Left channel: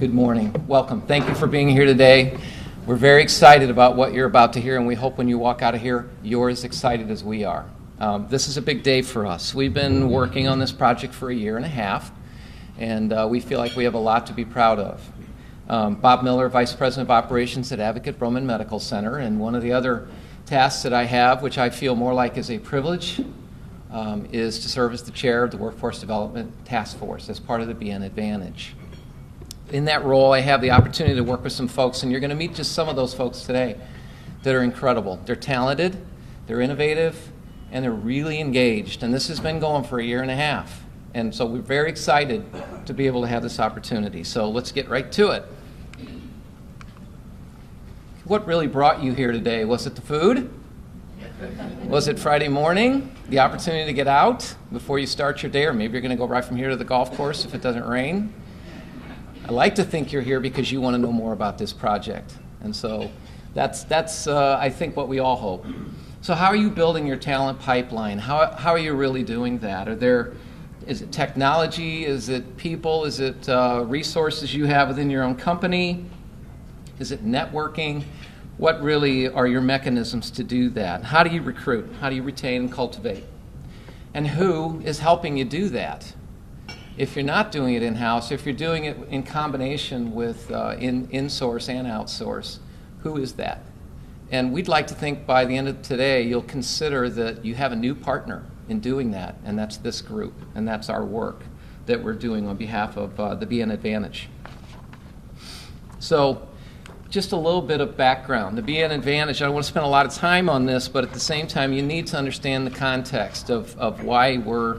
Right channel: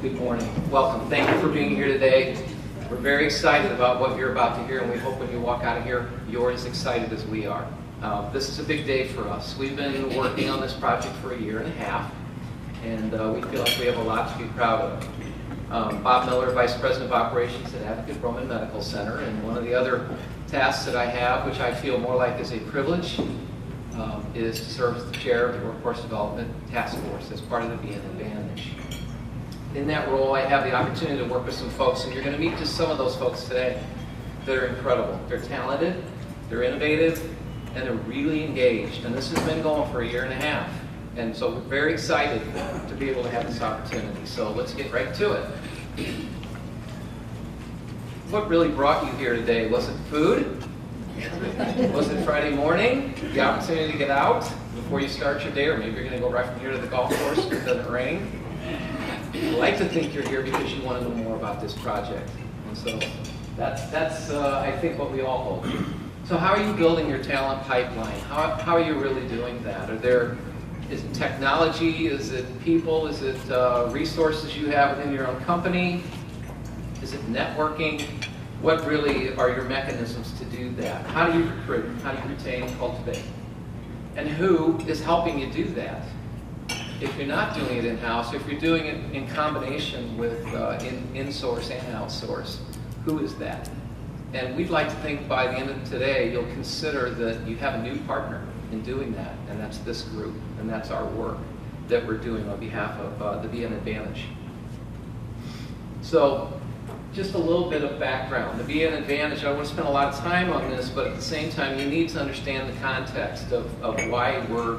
Good morning. Welcome. Thank you for being here today. We're very excited about what you're about to hear, and we hope when you walk out of here, you're as excited as we are. This is a big day for us. We've been working on this project for a year and a half, and we feel like we have a lot to be proud of. Bob Miller, Vice President of Operations at Advocate Roman Medical Center, and one of the other tasks that I have, which I feel more like is a privilege, is to serve as the chair of the Workforce Development Task Force as part of the BN Advantage. In that role, I have the opportunity to work with some folks, and you're going to meet just some of those folks today that are incredible. They're talented, they're innovative, and they're really engaged. And this has been going for a year and a half. And so we're very excited to be able to have this opportunity. So let's get right to it. What really brought you here today? Was it the food? Was it Friday morning? The opportunity to get out before you start your day? Or maybe you're going to go right from here to the golf course if it doesn't rain. I like to think you're here because you want to know more about this project. And so that's I think, what we all hope. So how are you building your talent pipeline? How are you really doing that? Is it technology? Is it people? Is it resources you have within your own company? Is it networking? What really are your mechanisms to do that? How do you recruit? How do you retain and cultivate? And who is helping you do that? If you're not doing it in-house, if you're doing it in combination with in-source and outsource, who is that? And we'd like to think by the end of today, you'll consider that you have a new partner in doing that, and that's this group, and that's our work that we're doing on behalf of the BN Advantage. So, just a little bit of background. The BN Advantage, I don't want to spend a lot of time on this, but at the same time, you need to understand the context of why we're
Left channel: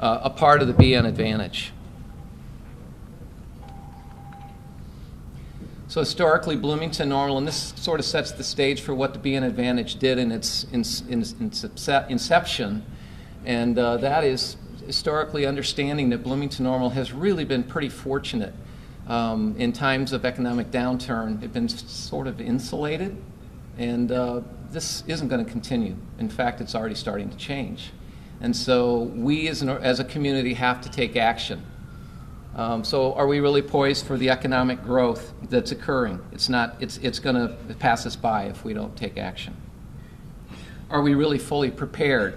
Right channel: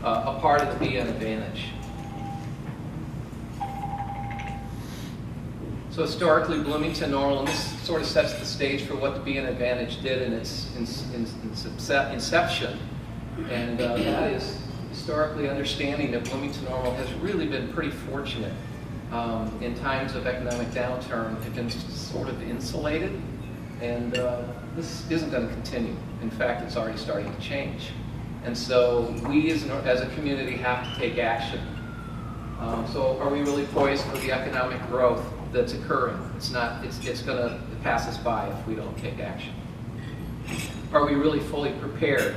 a part of the BN Advantage. So historically, Bloomington Normal, and this sort of sets the stage for what the BN Advantage did in its inception, and that is historically understanding that Bloomington Normal has really been pretty fortunate in times of economic downturn. Have been sort of insulated, and this isn't going to continue. In fact, it's already starting to change. And so we as a community have to take action. So are we really poised for the economic growth that's occurring? It's not, it's going to pass us by if we don't take action. Are we really fully prepared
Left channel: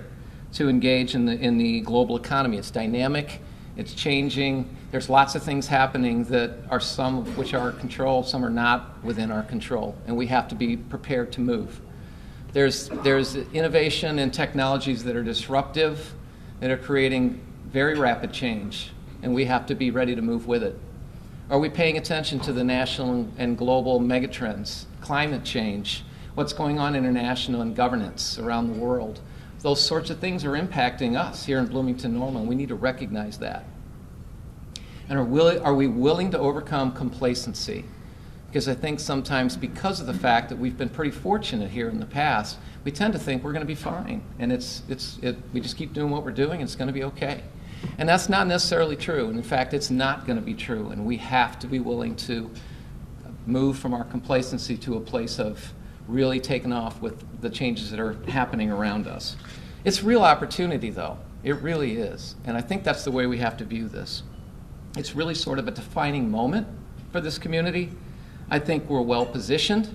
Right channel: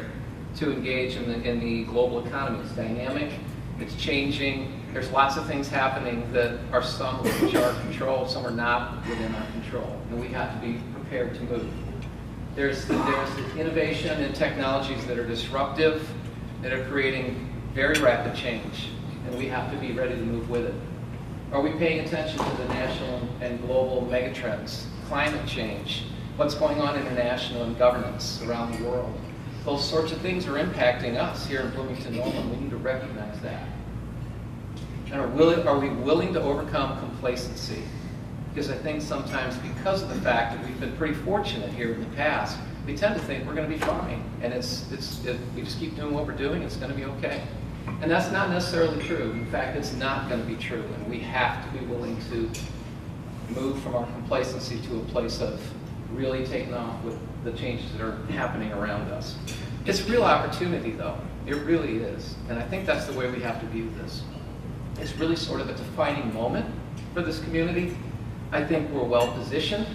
to engage in the global economy? It's dynamic, it's changing, there's lots of things happening that are some of which are our control, some are not within our control, and we have to be prepared to move. There's innovation and technologies that are disruptive, that are creating very rapid change, and we have to be ready to move with it. Are we paying attention to the national and global megatrends, climate change, what's going on international and governance around the world? Those sorts of things are impacting us here in Bloomington Normal. We need to recognize that. And are we willing to overcome complacency? Because I think sometimes, because of the fact that we've been pretty fortunate here in the past, we tend to think we're going to be fine, and we just keep doing what we're doing, it's going to be okay. And that's not necessarily true. In fact, it's not going to be true, and we have to be willing to move from our complacency to a place of really taking off with the changes that are happening around us. It's real opportunity, though. It really is. And I think that's the way we have to view this. It's really sort of a defining moment for this community. I think we're well positioned.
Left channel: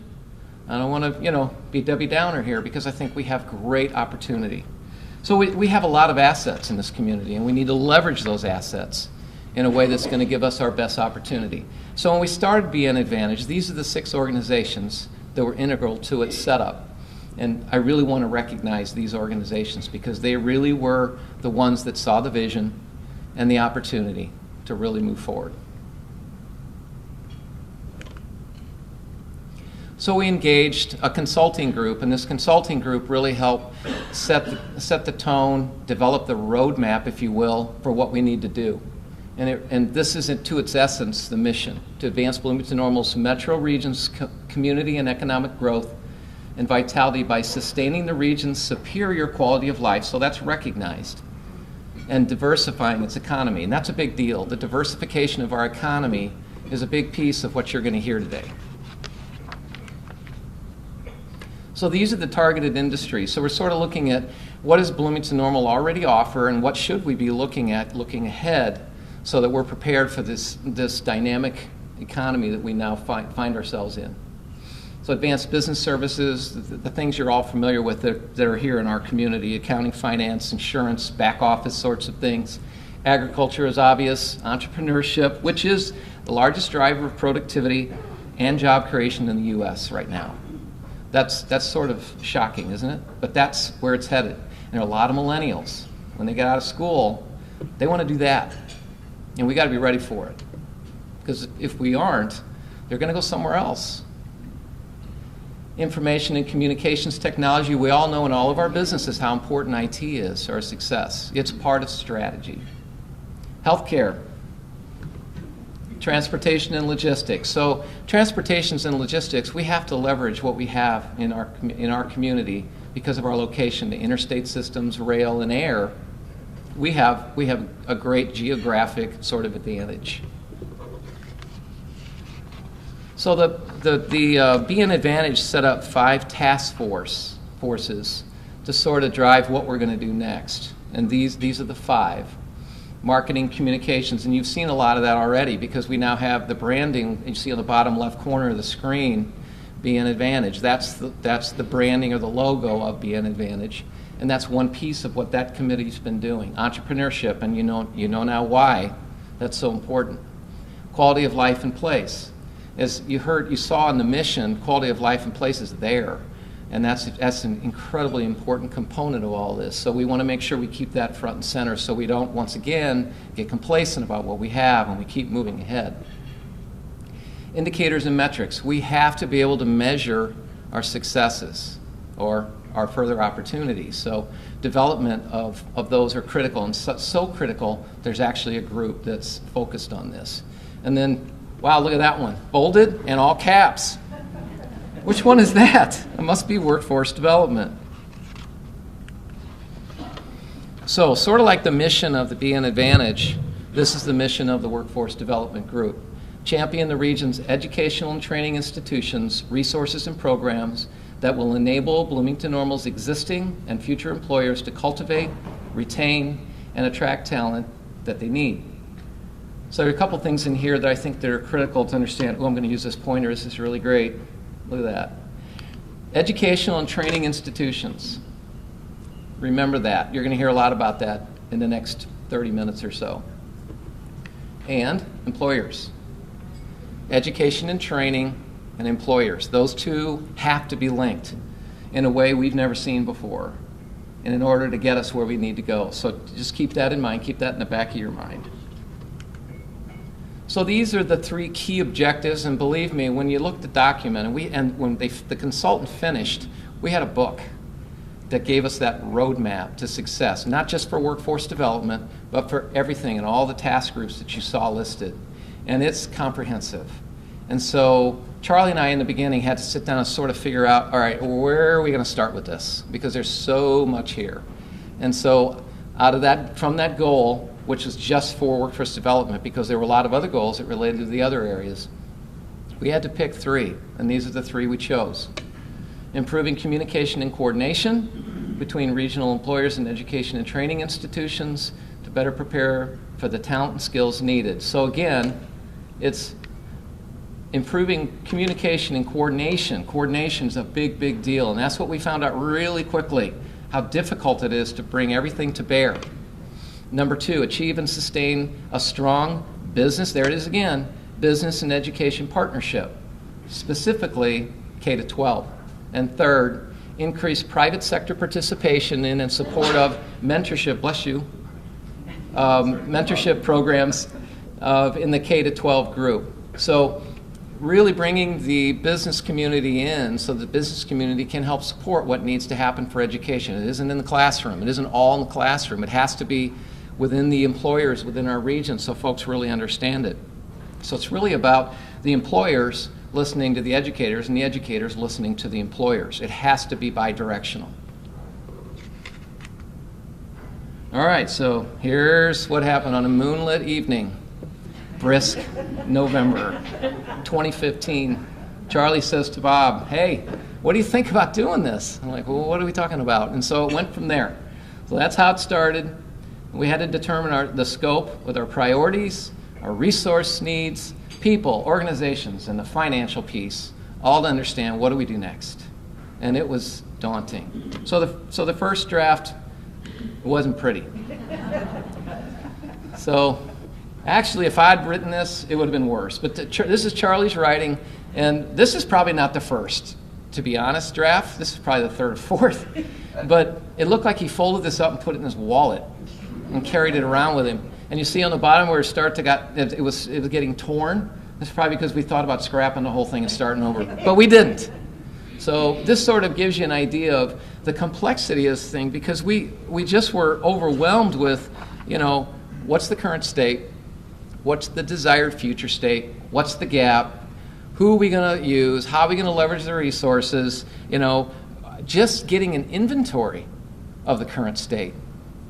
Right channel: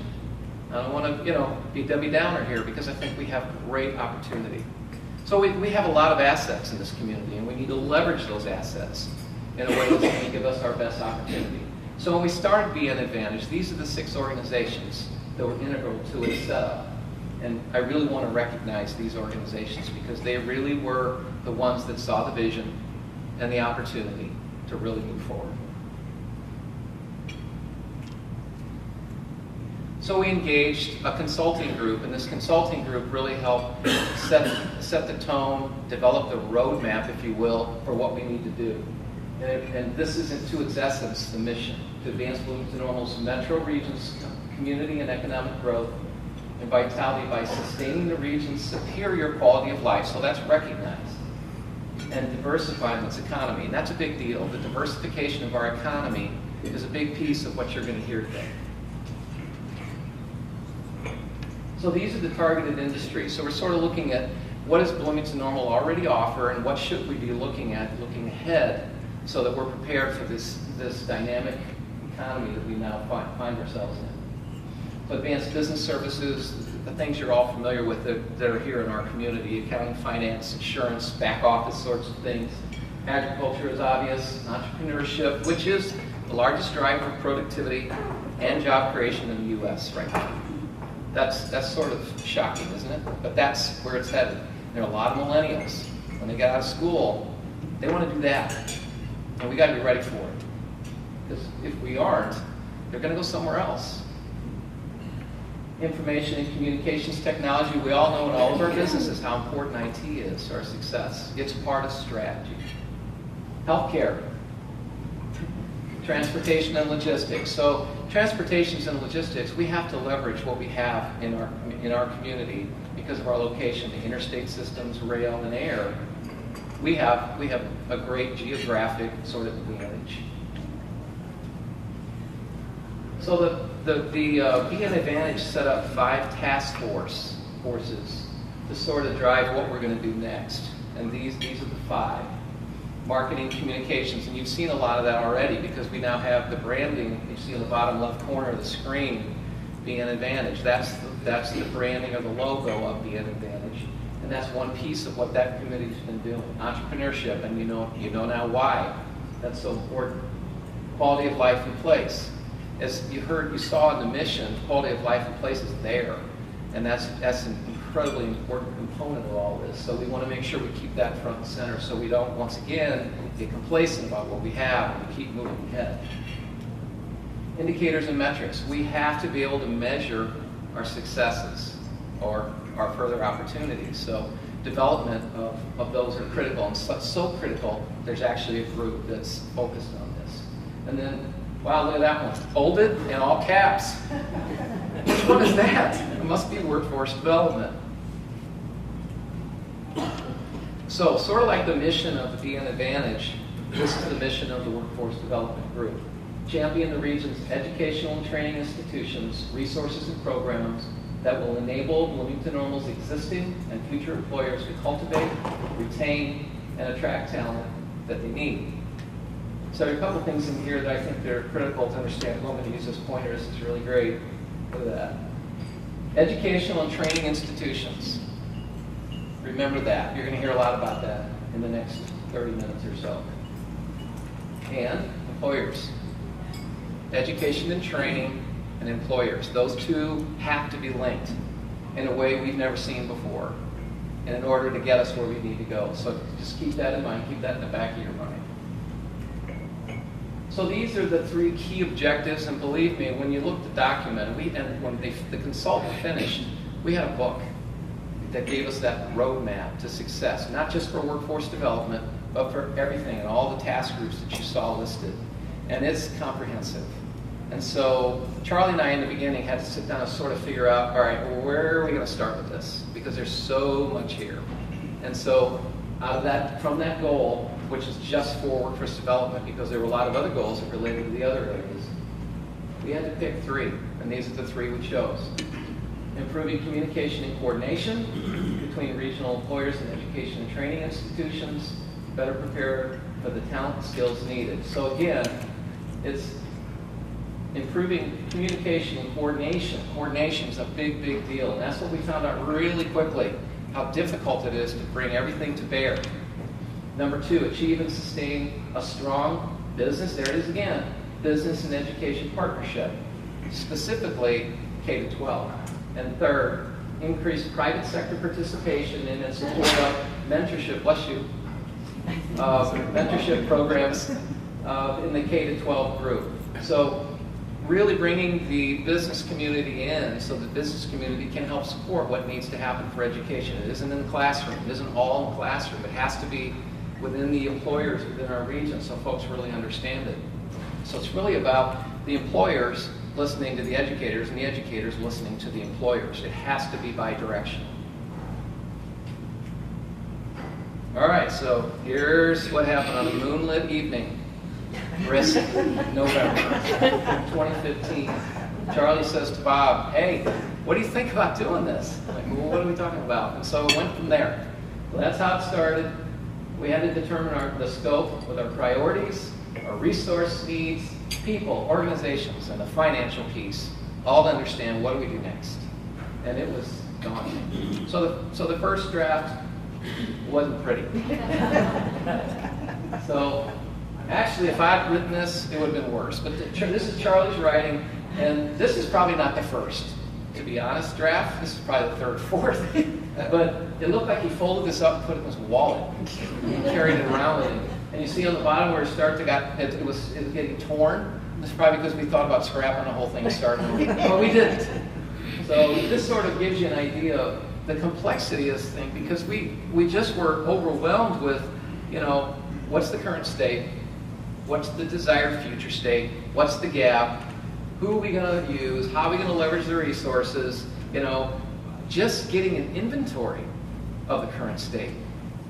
I don't want to, be Debbie Downer here, because I think we have great opportunity. So we have a lot of assets in this community, and we need to leverage those assets in a way that's going to give us our best opportunity. So when we started BN Advantage, these are the 6 organizations that were integral to its setup. And I really want to recognize these organizations, because they really were the ones that saw the vision and the opportunity to really move forward. So we engaged a consulting group, and this consulting group really helped set the tone, develop the roadmap, if you will, for what we need to do. And this is, to its essence, the mission: to advance Bloomington Normal's metro region's community and economic growth and vitality by sustaining the region's superior quality of life, so that's recognized, and diversifying its economy. And that's a big deal. The diversification of our economy is a big piece of what you're going to hear today. So these are the targeted industries. So we're sort of looking at what does Bloomington Normal already offer, and what should we be looking at looking ahead, so that we're prepared for this dynamic economy that we now find ourselves in. So advanced business services, the things you're all familiar with that are here in our community: accounting, finance, insurance, back office sorts of things. Agriculture is obvious, entrepreneurship, which is the largest driver of productivity and job creation in the U.S. right now. That's sort of shocking, isn't it? But that's where it's headed. And there are a lot of millennials, when they get out of school, they want to do that. And we got to be ready for it. Because if we aren't, they're going to go somewhere else. Information and communications technology, we all know in all of our businesses how important IT is to our success. It's part of strategy. Healthcare, transportation and logistics. So transportation and logistics, we have to leverage what we have in our community because of our location, the interstate systems, rail, and air. We have a great geographic sort of advantage. So the BN Advantage set up 5 task forces to sort of drive what we're going to do next. And these are the 5. Marketing, communications, and you've seen a lot of that already because we now have the branding you see on the bottom left corner of the screen, BN Advantage. That's the branding or the logo of BN Advantage. And that's one piece of what that committee's been doing. Entrepreneurship, and you know now why that's so important. Quality of life and place. As you saw in the mission, quality of life and place is there. And that's an incredibly important component of all this. So we want to make sure we keep that front and center so we don't, once again, get complacent about what we have and we keep moving ahead. Indicators and metrics. We have to be able to measure our successes or our further opportunities. So development of those are critical, and so critical, there's actually a group that's focused on this. And then, wow, look at that one. Bolded and all caps. Which one is that? It must be workforce development. So, sort of like the mission of the BN Advantage, this is the mission of the Workforce Development Group. Champion the region's educational and training institutions, resources, and programs that will enable Bloomington Normal's existing and future employers to cultivate, retain, and attract talent that they need. So there are a couple things in here that I think that are critical to understand. Oh, I'm going to use this pointer. This is really great. Look at that. Educational and training institutions. Remember that. You're going to hear a lot about that in the next 30 minutes or so. And employers. Education and training and employers. Those two have to be linked in a way we've never seen before, and in order to get us where we need to go. So just keep that in mind. Keep that in the back of your mind. So these are the 3 key objectives, and believe me, when you look at the document, and when the consultant finished, we had a book that gave us that roadmap to success, not just for workforce development, but for everything and all the task groups that you saw listed. And it's comprehensive. And so Charlie and I in the beginning had to sit down and sort of figure out, all right, where are we going to start with this? Because there's so much here. And so out of that, from that goal, which was just for workforce development, because there were a lot of other goals that related to the other areas, we had to pick 3, and these are the 3 we chose. Improving communication and coordination between regional employers and education and training institutions to better prepare for the talent and skills needed. So again, it's improving communication and coordination. Coordination is a big, big deal, and that's what we found out really quickly, how difficult it is to bring everything to bear. Number 2, achieve and sustain a strong business, there it is again, business and education partnership, specifically K-12. And third, increase private sector participation in and support of mentorship, bless you, mentorship programs in the K-12 group. So really bringing the business community in so the business community can help support what needs to happen for education. It isn't in the classroom. It isn't all in the classroom. It has to be within the employers within our region so folks really understand it. So it's really about the employers listening to the educators and the educators listening to the employers. It has to be bi-directional. All right, so here's what happened on a moonlit evening, brisk November 2015. Charlie says to Bob, hey, what do you think about doing this? I'm like, well, what are we talking about? And so it went from there. So that's how it started. We had to determine the scope with our priorities, our resource needs, people, organizations, and the financial piece, all to understand what do we do next. And it was daunting. So the first draft wasn't pretty. So actually, if I'd written this, it would have been worse. But this is Charlie's writing, and this is probably not the first, to be honest, draft. This is probably the third or fourth. But it looked like he folded this up and put it in his wallet and carried it around with him. And you see on the bottom where it was getting torn. That's probably because we thought about scrapping the whole thing and starting over. But we didn't. So this sort of gives you an idea of the complexity of this thing, because we just were overwhelmed with, what's the current state? What's the desired future state? What's the gap? Who are we going to use? How are we going to leverage the resources? Just getting an inventory of the current state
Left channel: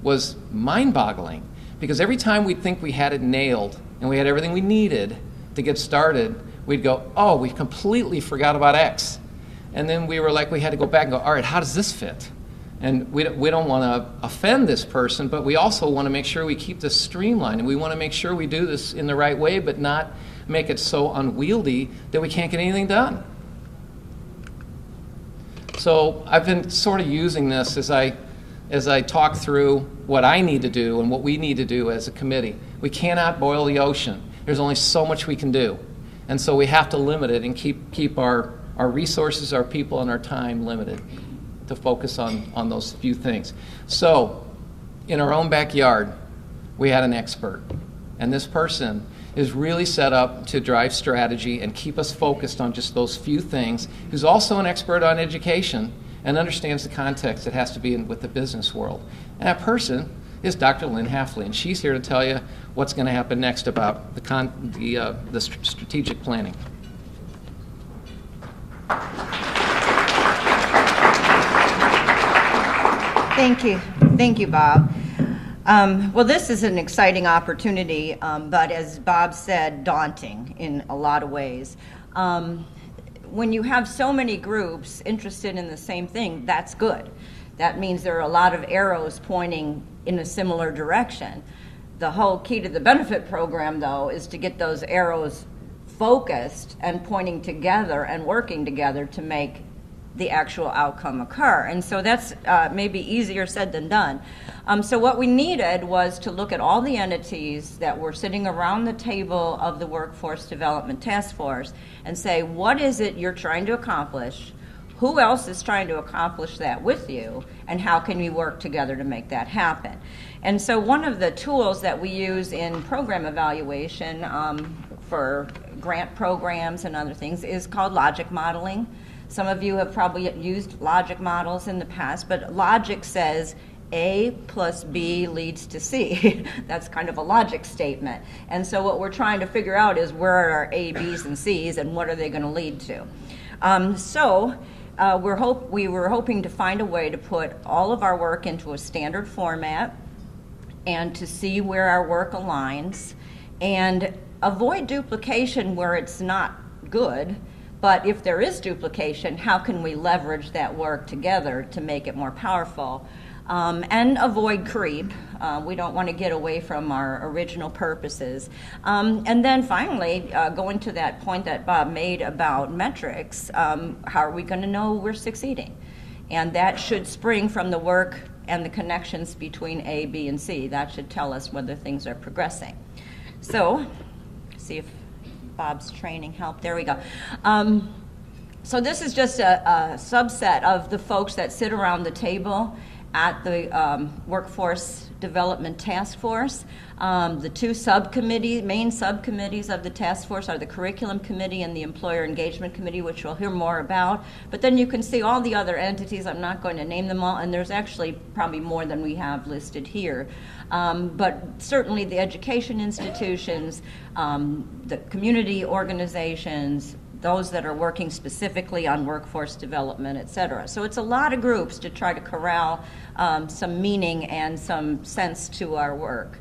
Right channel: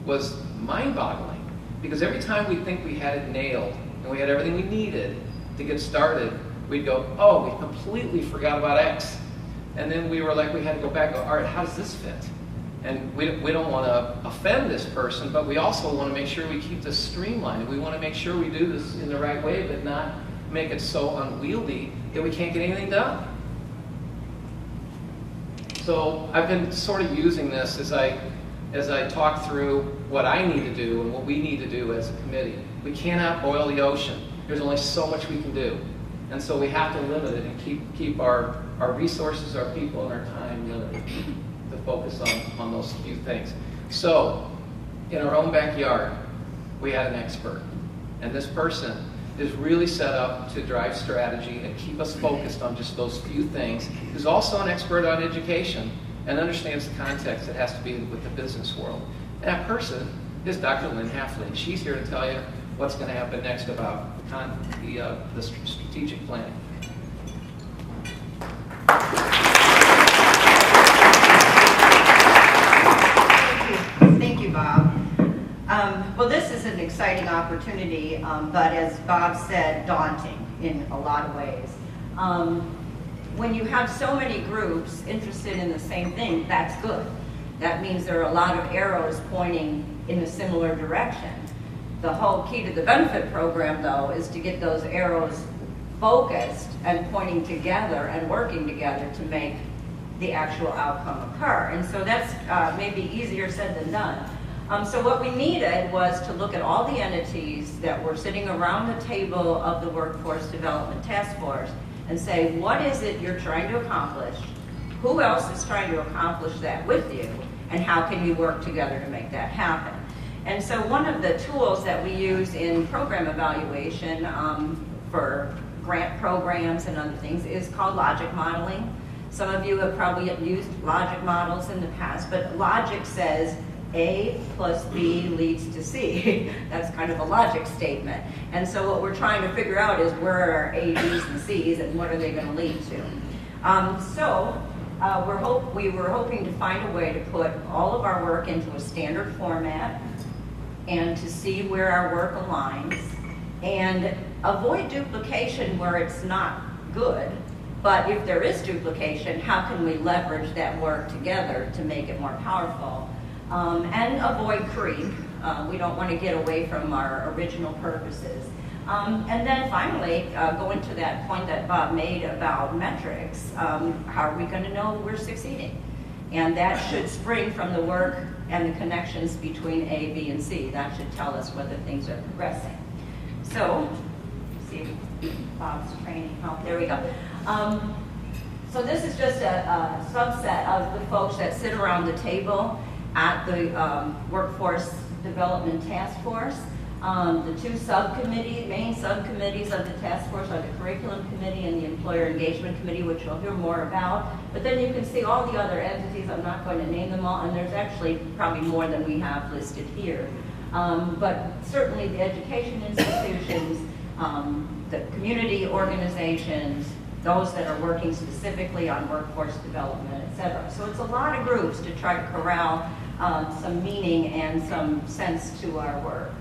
was mind-boggling, because every time we'd think we had it nailed and we had everything we needed to get started, we'd go, oh, we completely forgot about X. And then we had to go back and go, all right, how does this fit? And we don't want to offend this person, but we also want to make sure we keep this streamlined, and we want to make sure we do this in the right way, but not make it so unwieldy that we can't get anything done. So I've been sort of using this as I talk through what I need to do and what we need to do as a committee. We cannot boil the ocean. There's only so much we can do. And so we have to limit it and keep our resources, our people, and our time limited to focus on those few things. So in our own backyard, we had an expert. And this person is really set up to drive strategy and keep us focused on just those few things. Who's also an expert on education and understands the context it has to be in with the business world. And that person is Dr. Lynn Hafley, and she's here to tell you what's going to happen next about the strategic planning. Thank you, Bob. Well, this is an exciting opportunity, but as Bob said, daunting in a lot of ways. When you have so many groups interested in the same thing, that's good. That means there are a lot of arrows pointing in a similar direction. The whole key to the benefit program, though, is to get those arrows focused and pointing together and working together to make the actual outcome occur. And so that's maybe easier said than done. So what we needed was to look at all the entities that were sitting around the table of the Workforce Development Task Force and say, what is it you're trying to accomplish? Who else is trying to accomplish that with you? And how can you work together to make that happen? And so one of the tools that we use in program evaluation for grant programs and other things is called logic modeling. Some of you have probably used logic models in the past, but logic says A plus B leads to C. That's kind of a logic statement. And so what we're trying to figure out is where are our A, B's, and C's, and what are they going to lead to? We were hoping to find a way to put all of our work into a standard format and to see where our work aligns and avoid duplication where it's not good. But if there is duplication, how can we leverage that work together to make it more powerful? And avoid creep. We don't want to get away from our original purposes. And then finally, going to that point that Bob made about metrics, how are we going to know we're succeeding? And that should spring from the work and the connections between A, B, and C. That should tell us whether things are progressing. So, see if Bob's training helped. There we go. So this is just a subset of the folks that sit around the table at the Workforce Development Task Force. The two main subcommittees of the task force are the Curriculum Committee and the Employer Engagement Committee, which we'll hear more about. But then you can see all the other entities. I'm not going to name them all, and there's actually probably more than we have listed here. But certainly the education institutions, the community organizations, those that are working specifically on workforce development, et cetera. So it's a lot of groups to try to corral some meaning and some sense to our work.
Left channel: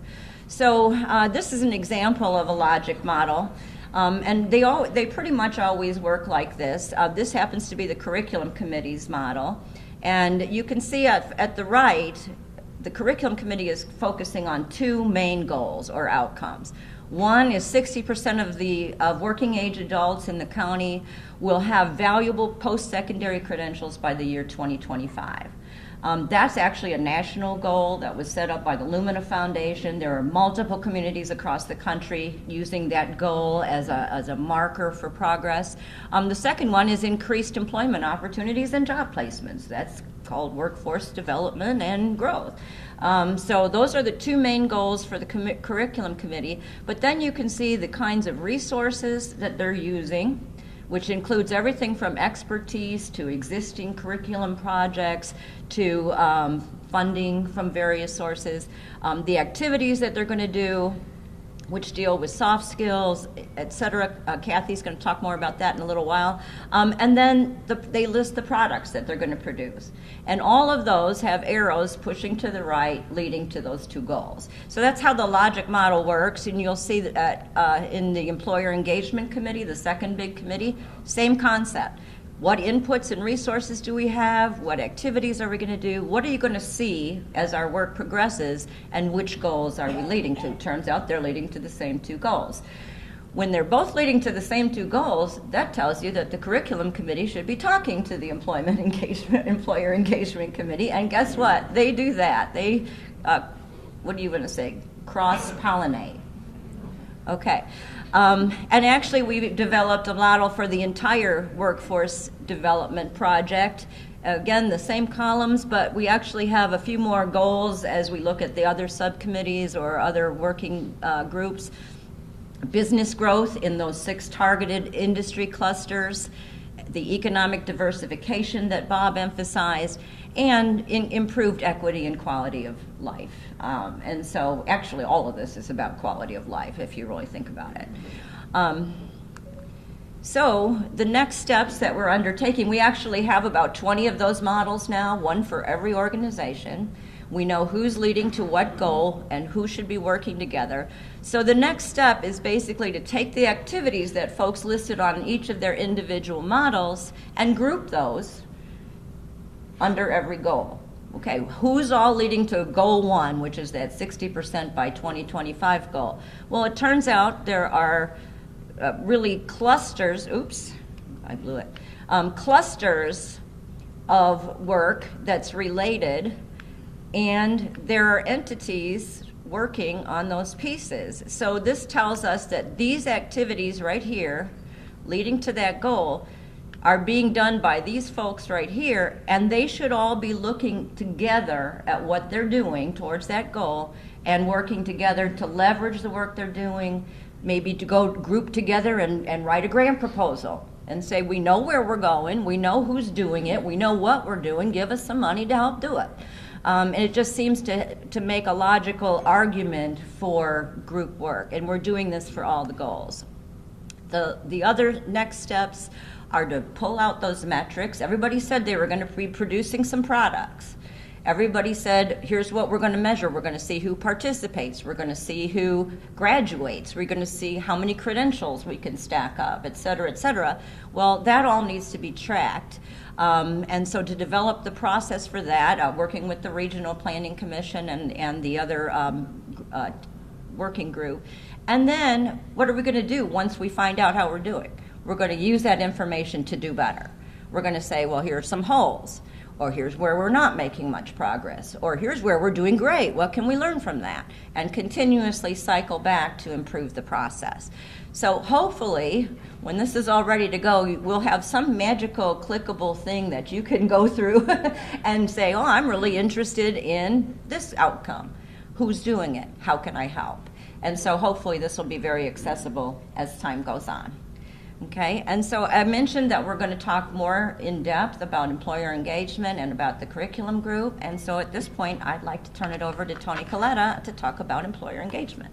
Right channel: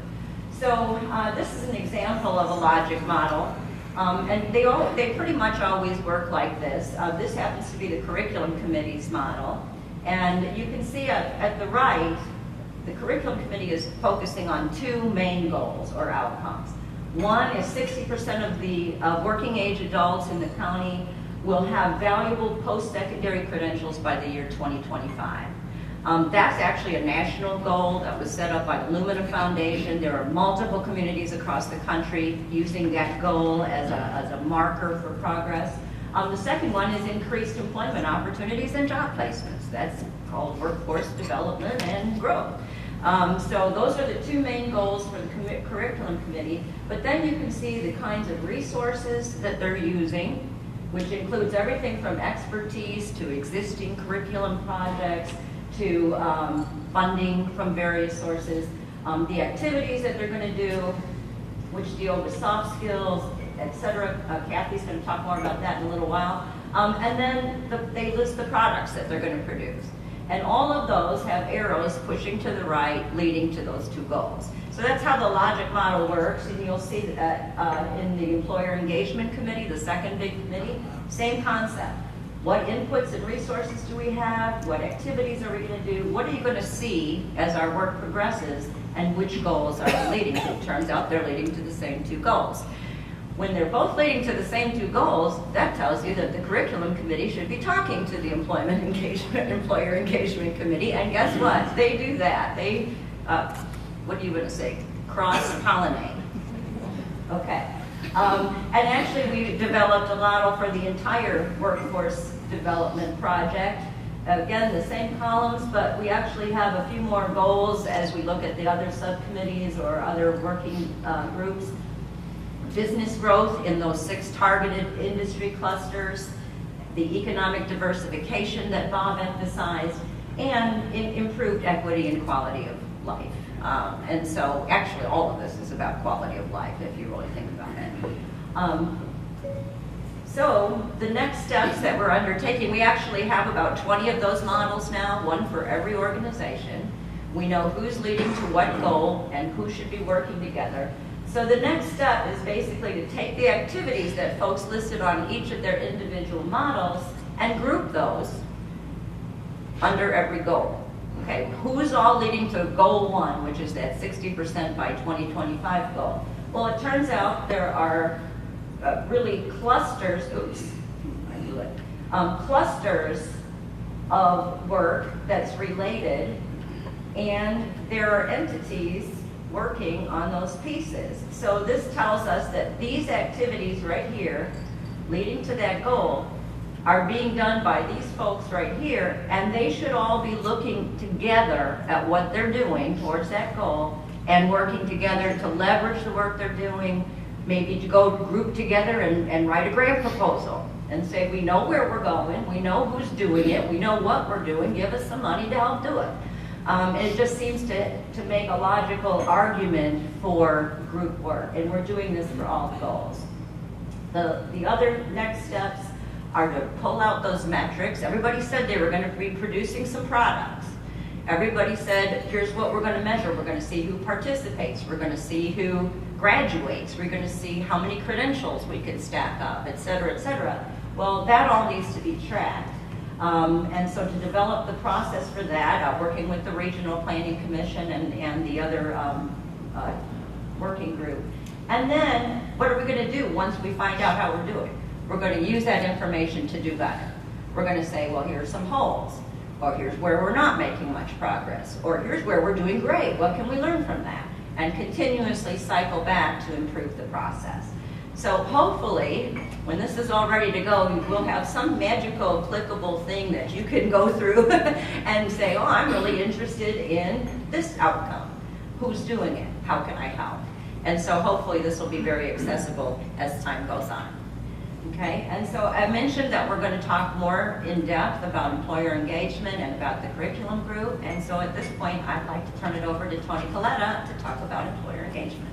So this is an example of a logic model, and they pretty much always work like this. This happens to be the Curriculum Committee's model, and you can see at the right, the Curriculum Committee is focusing on two main goals or outcomes. One is 60% of the working age adults in the county will have valuable post-secondary credentials by the year 2025. That's actually a national goal that was set up by the Lumina Foundation. There are multiple communities across the country using that goal as a marker for progress. The second one is increased employment opportunities and job placements. That's called workforce development and growth. So those are the two main goals for the curriculum committee, but then you can see the kinds of resources that they're using, which includes everything from expertise to existing curriculum projects to funding from various sources, the activities that they're going to do, which deal with soft skills, etc. Kathy's going to talk more about that in a little while. And then they list the products that they're going to produce. And all of those have arrows pushing to the right, leading to those two goals. So that's how the logic model works, and you'll see that in the Employer Engagement Committee, the second big committee, same concept. What inputs and resources do we have? What activities are we going to do? What are you going to see as our work progresses? And which goals are you leading to? It turns out they're leading to the same two goals. When they're both leading to the same two goals, that tells you that the curriculum committee should be talking to the Employer Engagement Committee. And guess what? They do that. They, what are you going to say? Cross-pollinate. Okay. And actually, we developed a model for the entire workforce development project. Again, the same columns, but we actually have a few more goals as we look at the other subcommittees or other working groups. Business growth in those 6 targeted industry clusters, the economic diversification that Bob emphasized, and improved equity and quality of life. And so actually all of this is about quality of life if you really think about it. So the next steps that we're undertaking, we actually have about 20 of those models now, one for every organization. We know who's leading to what goal and who should be working together. So the next step is basically to take the activities that folks listed on each of their individual models and group those under every goal. Okay, who's all leading to goal 1, which is that 60% by 2025 goal? Well, it turns out there are really clusters, oops, I blew it, clusters of work that's related, and there are entities working on those pieces. So this tells us that these activities right here, leading to that goal, are being done by these folks right here, and they should all be looking together at what they're doing towards that goal and working together to leverage the work they're doing, maybe to go group together and write a grant proposal and say, we know where we're going, we know who's doing it, we know what we're doing, give us some money to help do it. And it just seems to make a logical argument for group work, and we're doing this for all the goals. The other next steps are to pull out those metrics. Everybody said they were going to be producing some products. Everybody said, here's what we're going to measure. We're going to see who participates. We're going to see who graduates. We're going to see how many credentials we can stack up, et cetera, et cetera. Well, that all needs to be tracked. And so to develop the process for that, working with the Regional Planning Commission and the other working group. And then, what are we going to do once we find out how we're doing? We're going to use that information to do better. We're going to say, well, here are some holes, or here's where we're not making much progress, or here's where we're doing great. What can we learn from that? And continuously cycle back to improve the process. So hopefully, when this is all ready to go, we'll have some magical clickable thing that you can go through and say, oh, I'm really interested in this outcome. Who's doing it? How can I help? And so hopefully this will be very accessible as time goes on. Okay, and so I mentioned that we're going to talk more in depth about employer engagement and about the curriculum group. And so at this point, I'd like to turn it over to Tony Coletta to talk about employer engagement.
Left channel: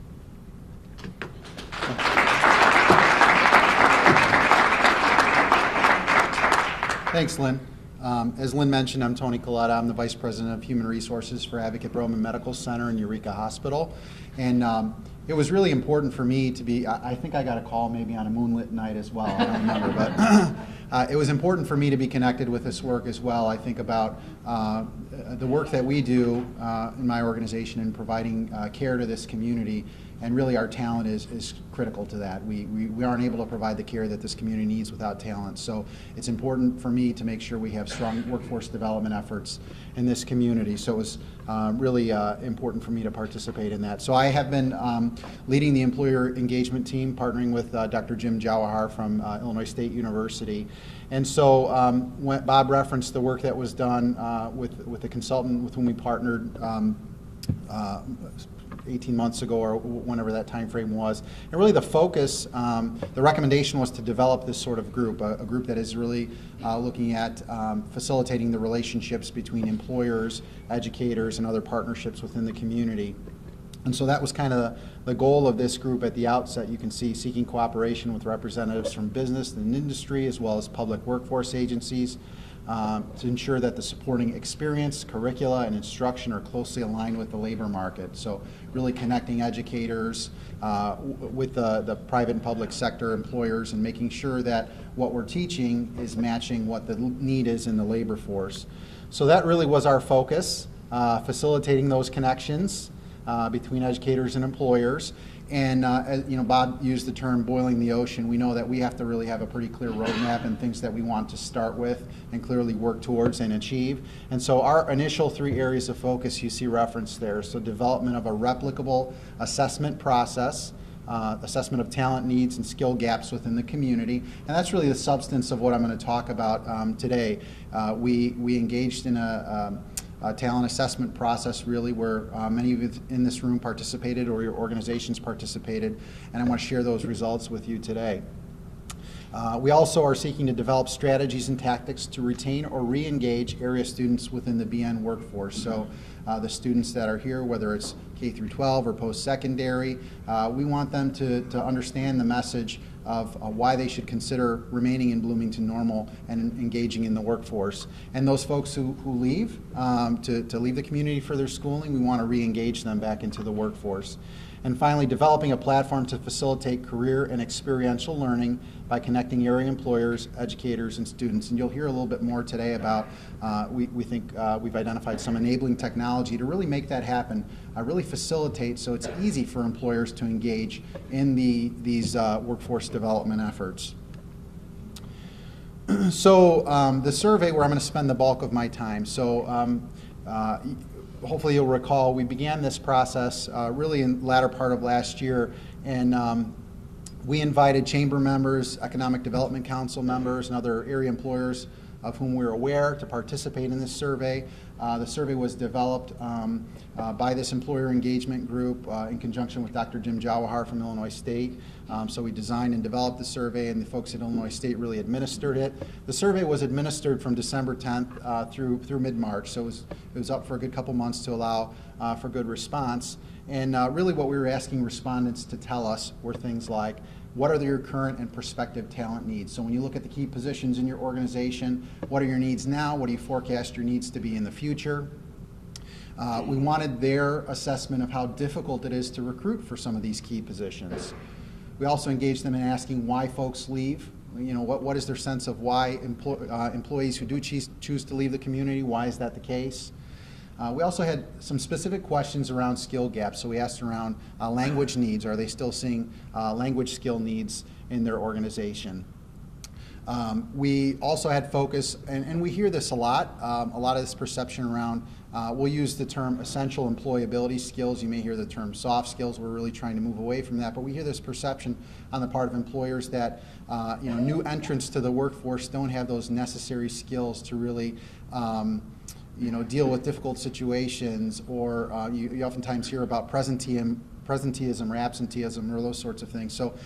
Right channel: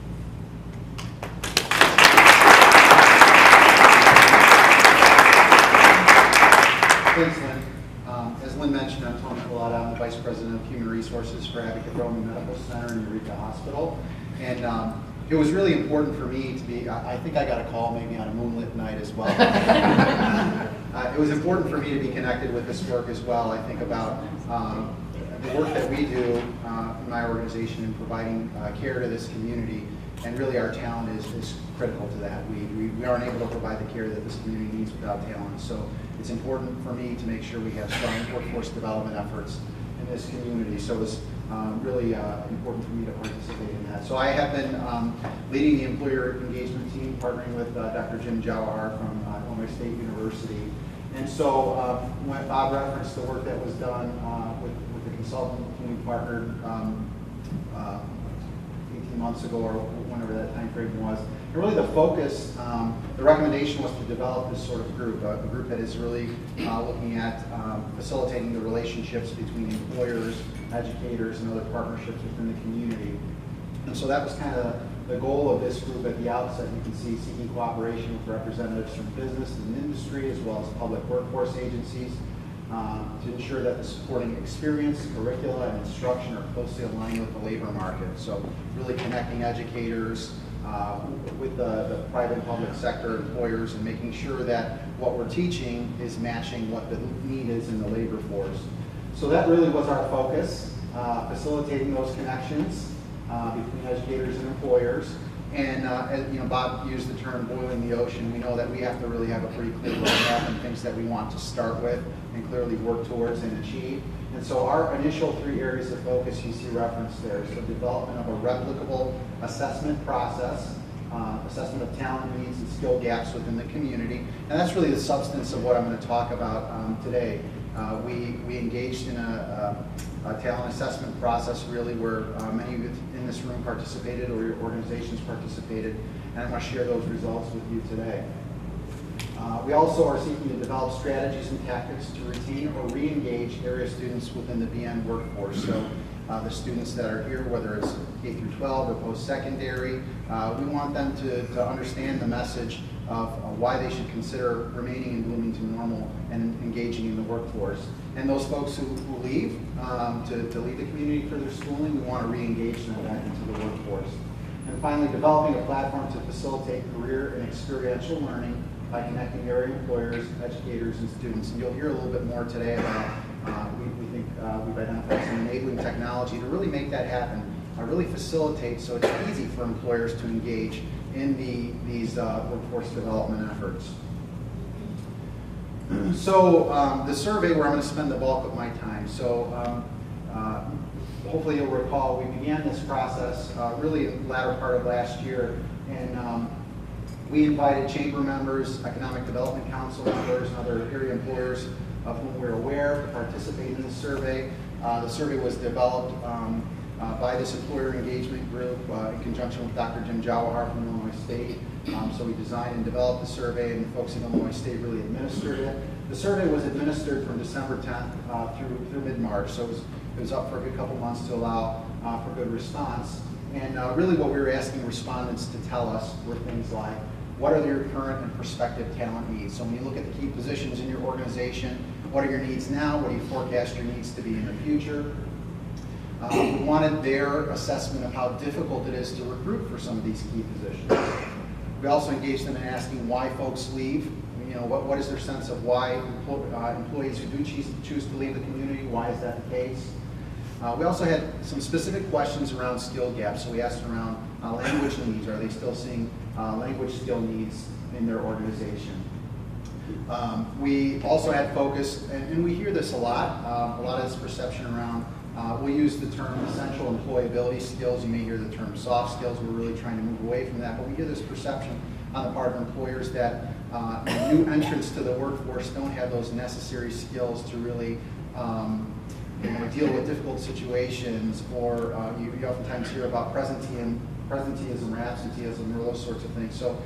Thanks, Lynn. As Lynn mentioned, I'm Tony Coletta. I'm the Vice President of Human Resources for Advocate Roman Medical Center and Eureka Hospital. And it was really important for me to be, I think I got a call maybe on a moonlit night as well. It was important for me to be connected with this work as well. I think about the work that we do in my organization in providing care to this community and really our talent is critical to that. We aren't able to provide the care that this community needs without talent. So it's important for me to make sure we have strong workforce development efforts in this community. So it's really important for me to participate in that. So I have been leading the employer engagement team, partnering with Dr. Jim Jawahar from Illinois State University. And so when Bob referenced the work that was done with the consultant with whom we partnered 18 months ago or whenever that time frame was. And really the focus, the recommendation was to develop this sort of group, a group that is really looking at facilitating the relationships between employers, educators, and other partnerships within the community. And so that was kind of the goal of this group at the outset. You can see seeking cooperation with representatives from business and industry as well as public workforce agencies, to ensure that the supporting experience, curricula, and instruction are closely aligned with the labor market. So really connecting educators with the private and public sector employers and making sure that what we're teaching is matching what the need is in the labor force. So that really was our focus, facilitating those connections between educators and employers. And you know, Bob used the term boiling the ocean. We know that we have to really have a pretty clear roadmap and things that we want to start with and clearly work towards and achieve. And so our initial 3 areas of focus you see referenced there. So development of a replicable assessment process, assessment of talent needs and skill gaps within the community. And that's really the substance of what I'm going to talk about today. We engaged in a talent assessment process really where many of you in this room participated or your organizations participated, and I want to share those results with you today. We also are seeking to develop strategies and tactics to retain or re-engage area students within the BN workforce. So the students that are here, whether it's K through 12 or post-secondary, we want them to understand the message of why they should consider remaining in Bloomington Normal and engaging in the workforce. And those folks who leave to leave the community for their schooling, we want to re-engage them back into the workforce. And finally, developing a platform to facilitate career and experiential learning by connecting area employers, educators, and students. And you'll hear a little bit more today about, we think we've identified some enabling technology to really make that happen. Really facilitate so it's easy for employers to engage in these workforce development efforts. So the survey where I'm going to spend the bulk of my time. So hopefully you'll recall we began this process really in the latter part of last year, and we invited chamber members, economic development council members, and other area employers of whom we're aware to participate in this survey. The survey was developed by this employer engagement group in conjunction with Dr. Jim Jawahar from Illinois State. So we designed and developed the survey, and the folks at Illinois State really administered it. The survey was administered from December 10th through mid-March, so it was up for a good couple months to allow for good response. And really what we were asking respondents to tell us were things like, what are your current and prospective talent needs? So when you look at the key positions in your organization, what are your needs now? What do you forecast your needs to be in the future? We wanted their assessment of how difficult it is to recruit for some of these key positions. We also engaged them in asking why folks leave. You know, what is their sense of why employees who do choose to leave the community, why is that the case? We also had some specific questions around skill gaps. So we asked around language needs. Are they still seeing language skill needs in their organization? We also had focus, and we hear this a lot of this perception around, we'll use the term essential employability skills. You may hear the term soft skills. We're really trying to move away from that, but we hear this perception on the part of employers that new entrants to the workforce don't have those necessary skills to really deal with difficult situations, or you oftentimes hear about presenteeism or absenteeism or those sorts of things. So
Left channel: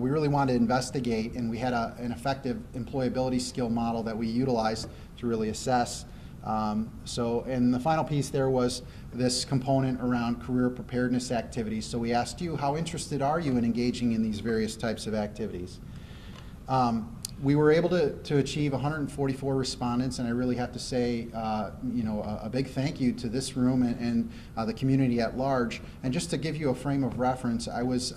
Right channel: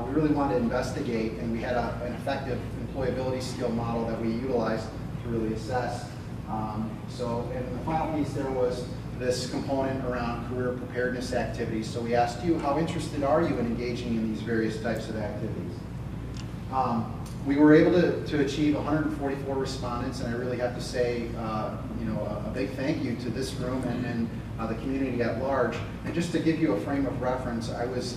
we really wanted to investigate, and we had an effective employability skill model that we utilized to really assess. And the final piece there was this component around career preparedness activities. So we asked you, how interested are you in engaging in these various types of activities? We were able to achieve 144 respondents, and I really have to say, a big thank you to this room and the community at large. And just to give you a frame of reference, I was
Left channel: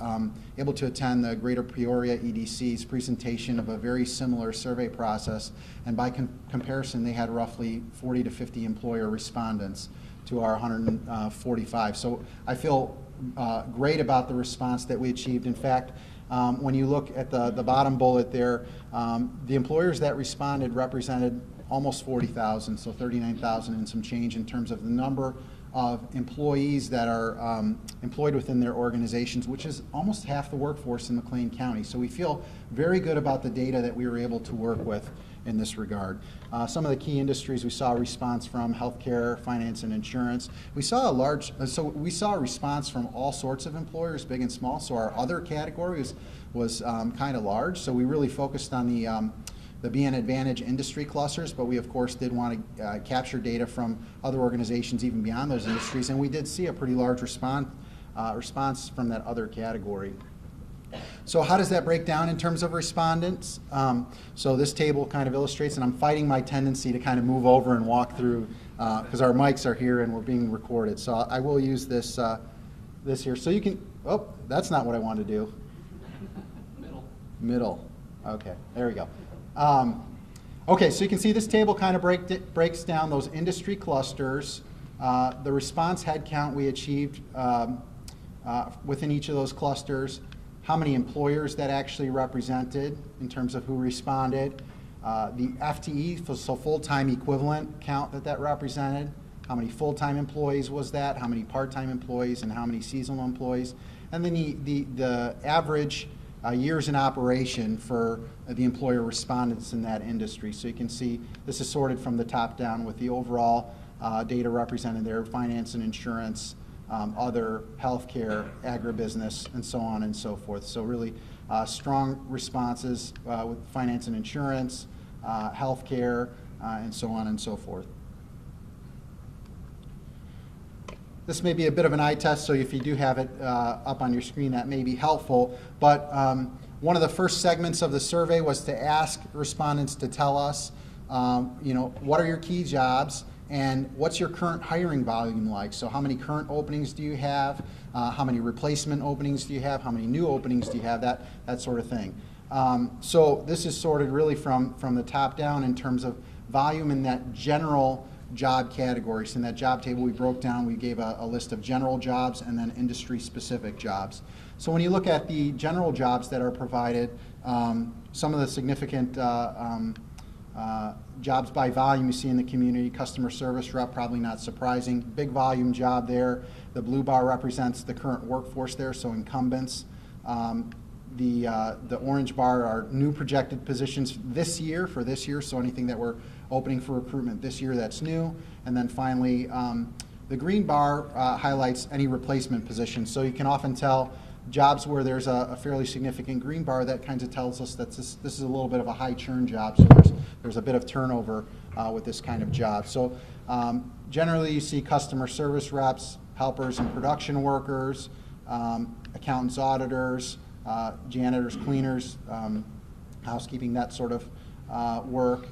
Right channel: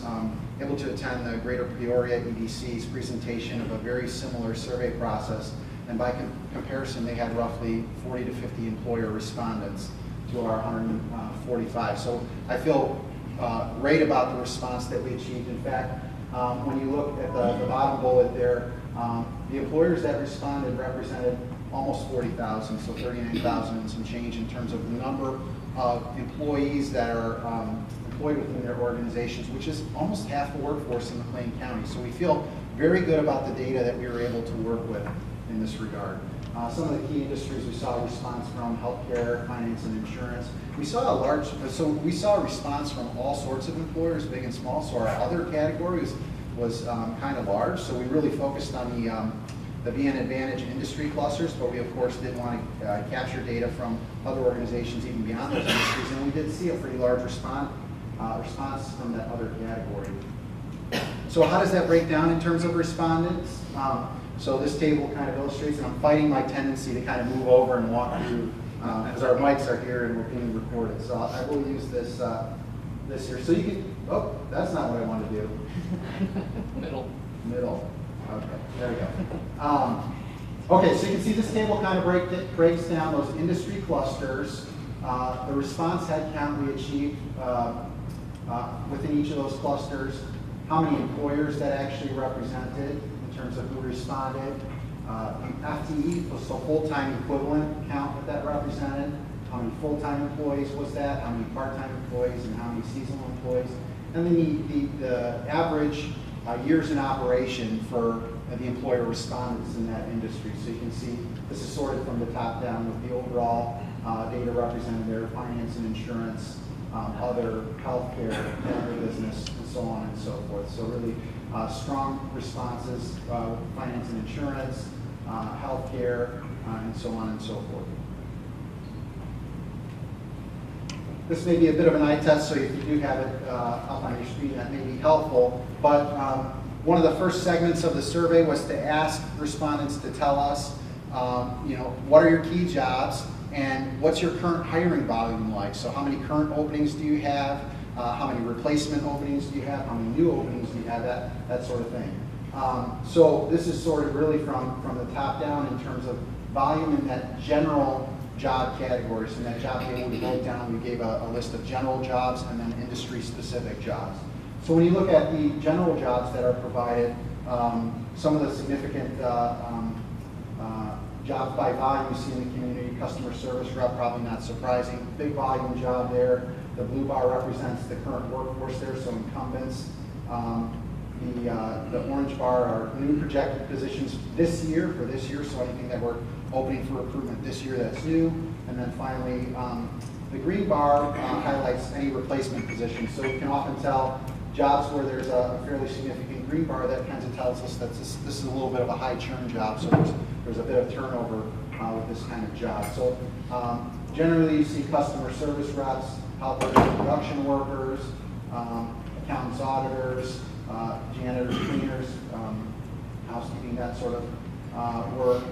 able to attend the Greater Peoria EDC's presentation of a very similar survey process, and by comparison, they had roughly 40 to 50 employer respondents to our 145. So I feel great about the response that we achieved. In fact, when you look at the bottom bullet there, the employers that responded represented almost 40,000, so 39,000 and some change in terms of the number of employees that are employed within their organizations, which is almost half the workforce in McLean County. So we feel very good about the data that we were able to work with in this regard. Some of the key industries we saw a response from: healthcare, finance, and insurance. We saw a response from all sorts of employers, big and small. So our other category was kind of large. So we really focused on the BN Advantage industry clusters, but we of course did want to capture data from other organizations even beyond those industries, and we did see a pretty large response from that other category. So how does that break down in terms of respondents? So this table kind of illustrates, and I'm fighting my tendency to kind of move over and walk through, because our mics are here and we're being recorded. So I will use this here. So you can, oh, that's not what I want to do. Middle. Okay, there we go. Okay, so you can see this table kind of breaks down those industry clusters, the response headcount we achieved within each of those clusters, how many employers that actually represented in terms of who responded, the FTE, so full-time equivalent count that represented, how many full-time employees was that, how many part-time employees, and how many seasonal employees, and then the average years in operation for the employer respondents in that industry. So you can see this is sorted from the top down with the overall data represented there: finance and insurance, other, healthcare, agribusiness, and so on and so forth. So really strong responses with finance and insurance, healthcare, and so on and so forth. This may be a bit of an eye test, so if you do have it up on your screen, that may be helpful. But one of the first segments of the survey was to ask respondents to tell us, what are your key jobs and what's your current hiring volume like? So how many current openings do you have? How many replacement openings do you have? How many new openings do you have? That sort of thing. So this is sorted really from the top down in terms of volume in that general job categories. In that job table we broke down, we gave a list of general jobs and then industry-specific jobs. So when you look at the general jobs that are provided, some of the significant jobs by volume you see in the community: customer service rep, probably not surprising, big volume job there. The blue bar represents the current workforce there, so incumbents. The orange bar are new projected positions this year, so anything that we're opening for recruitment this year that's new. And then finally, the green bar highlights any replacement positions. So you can often tell jobs where there's a fairly significant green bar, that kind of tells us that this is a little bit of a high churn job, so there's a bit of turnover with this kind of job. So generally you see customer service reps, helpers, production workers, accountants, auditors, janitors, cleaners, housekeeping, that sort of work,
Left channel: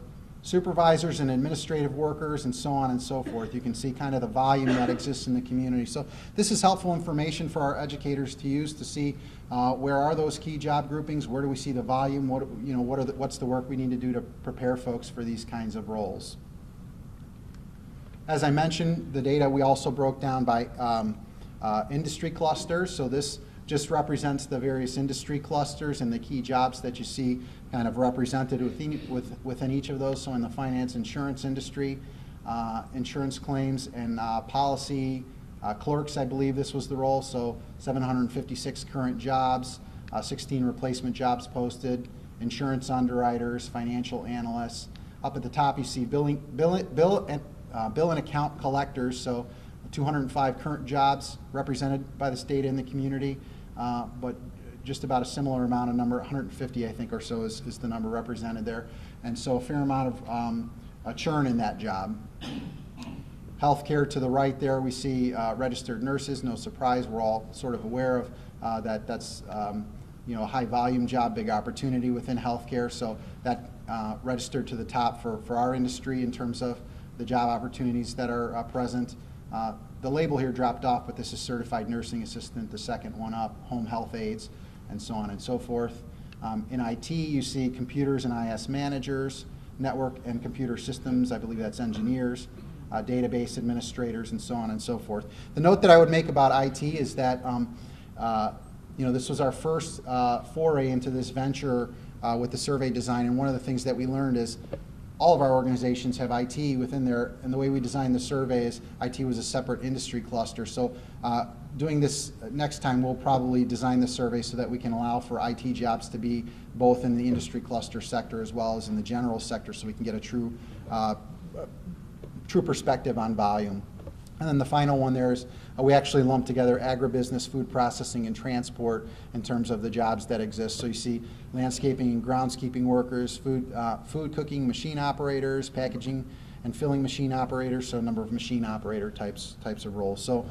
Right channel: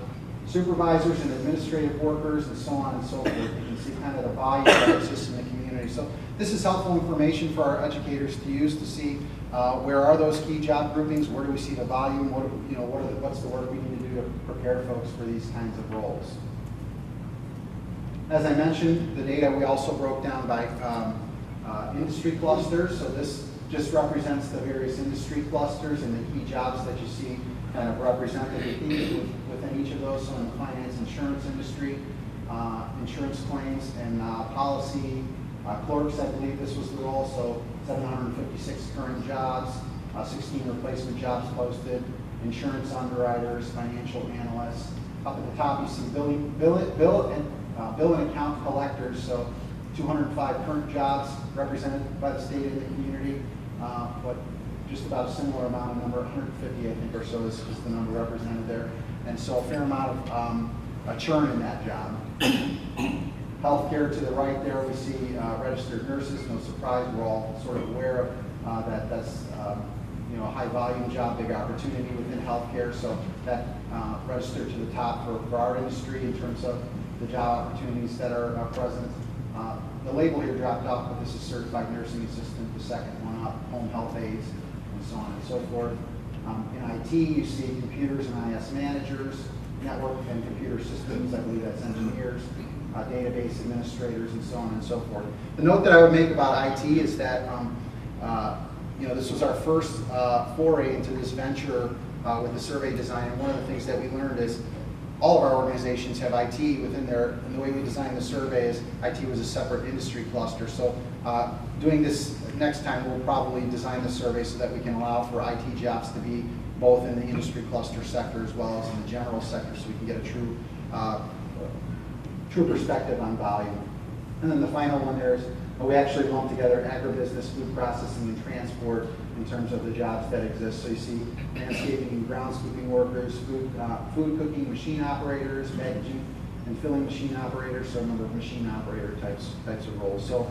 supervisors and administrative workers, and so on and so forth. You can see kind of the volume that exists in the community. So this is helpful information for our educators to use to see where are those key job groupings, where do we see the volume, what's the work we need to do to prepare folks for these kinds of roles. As I mentioned, the data we also broke down by industry clusters. So this just represents the various industry clusters and the key jobs that you see kind of represented within each of those. So in the finance insurance industry, insurance claims and policy clerks, I believe this was the role. So 756 current jobs, 16 replacement jobs posted, insurance underwriters, financial analysts. Up at the top you see bill and account collectors, so 205 current jobs represented by the state and the community, but just about a similar amount of number, 150 I think or so is the number represented there. And so a fair amount of churn in that job. Healthcare to the right there, we see registered nurses. No surprise, we're all sort of aware of that's a high volume job, big opportunity within healthcare. So that registered to the top for our industry in terms of the job opportunities that are present. The label here dropped off, but this is certified nursing assistant, the second one up, home health aides, and so on and so forth. In IT, you see computers and IS managers, network and computer systems, I believe that's engineers, database administrators, and so on and so forth. The note that I would make about IT is that this was our first foray into this venture with the survey design, and one of the things that we learned is all of our organizations have IT within their, and the way we designed the survey is IT was a separate industry cluster. So doing this next time, we'll probably design the survey so that we can allow for IT jobs to be both in the industry cluster sector as well as in the general sector, so we can get a true perspective on volume. And then the final one there is we actually lumped together agribusiness, food processing, and transport in terms of the jobs that exist. So you see landscaping and groundskeeping workers, food cooking machine operators, packaging and filling machine operators, so a number of machine operator types of roles. So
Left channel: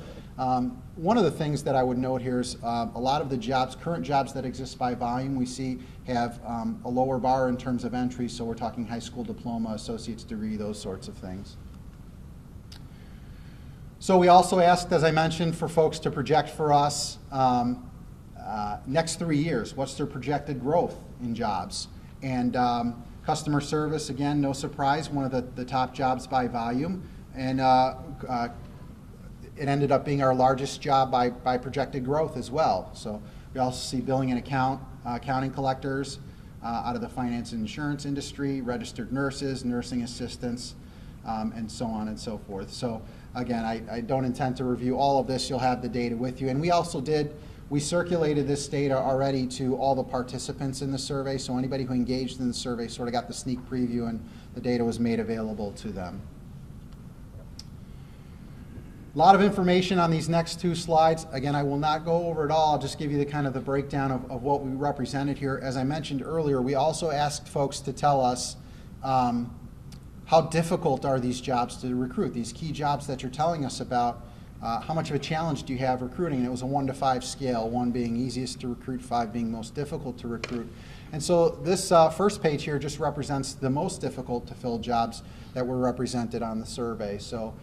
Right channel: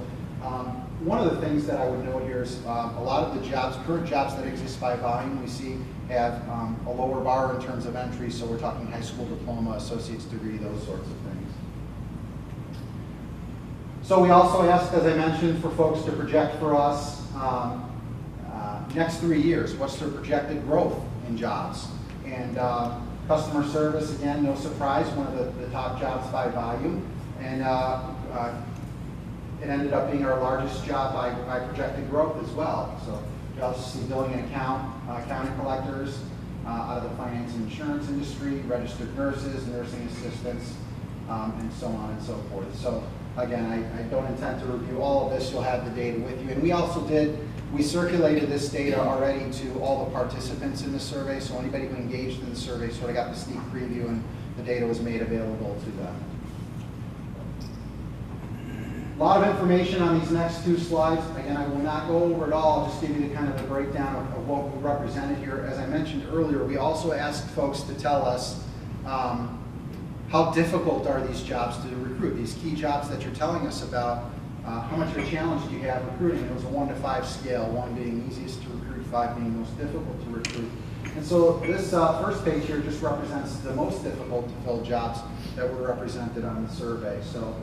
one of the things that I would note here is a lot of the current jobs that exist by volume, we see have a lower bar in terms of entry, so we're talking high school diploma, associate's degree, those sorts of things. So we also asked, as I mentioned, for folks to project for us next 3 years, what's their projected growth in jobs. And customer service, again, no surprise, one of the top jobs by volume. And it ended up being our largest job by projected growth as well. So we also see billing and accounting collectors out of the finance and insurance industry, registered nurses, nursing assistants, and so on and so forth. So again, I don't intend to review all of this. You'll have the data with you. And we circulated this data already to all the participants in the survey, so anybody who engaged in the survey sort of got the sneak preview and the data was made available to them. A lot of information on these next 2 slides. Again, I will not go over it all. I'll just give you the breakdown of what we represented here. As I mentioned earlier, we also asked folks to tell us how difficult are these jobs to recruit, these key jobs that you're telling us about. How much of a challenge do you have recruiting? It was a 1 to 5 scale, 1 being easiest to recruit, 5 being most difficult to recruit. And so this first page here just represents the most difficult to fill jobs that were represented on the survey. So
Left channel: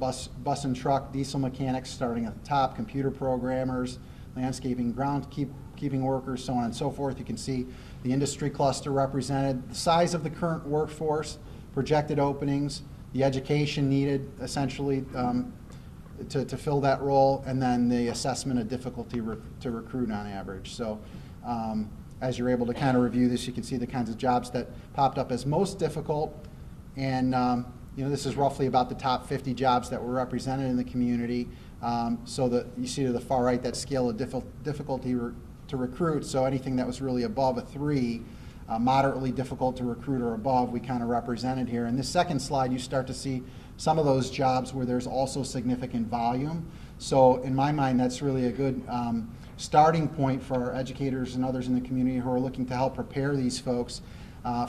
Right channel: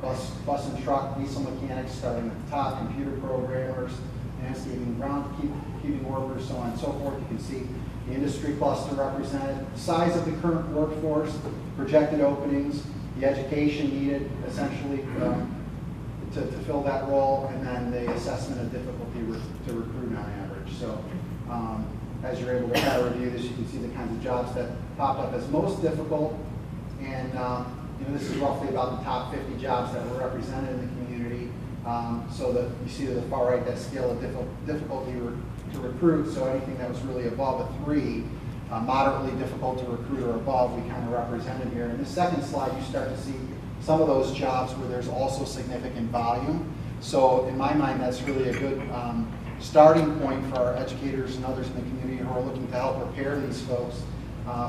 bus and truck, diesel mechanics starting at the top, computer programmers, landscaping, groundskeeping workers, so on and so forth. You can see the industry cluster represented, the size of the current workforce, projected openings, the education needed essentially to fill that role, and then the assessment of difficulty to recruit on average. So as you're able to kind of review this, you can see the kinds of jobs that popped up as most difficult, and this is roughly about the top 50 jobs that were represented in the community. So that you see to the far right that scale of difficulty to recruit, so anything that was really above a 3, moderately difficult to recruit or above, we kind of represented here. In the second slide, you start to see some of those jobs where there's also significant volume. So in my mind, that's really a good starting point for our educators and others in the community who are looking to help prepare these folks.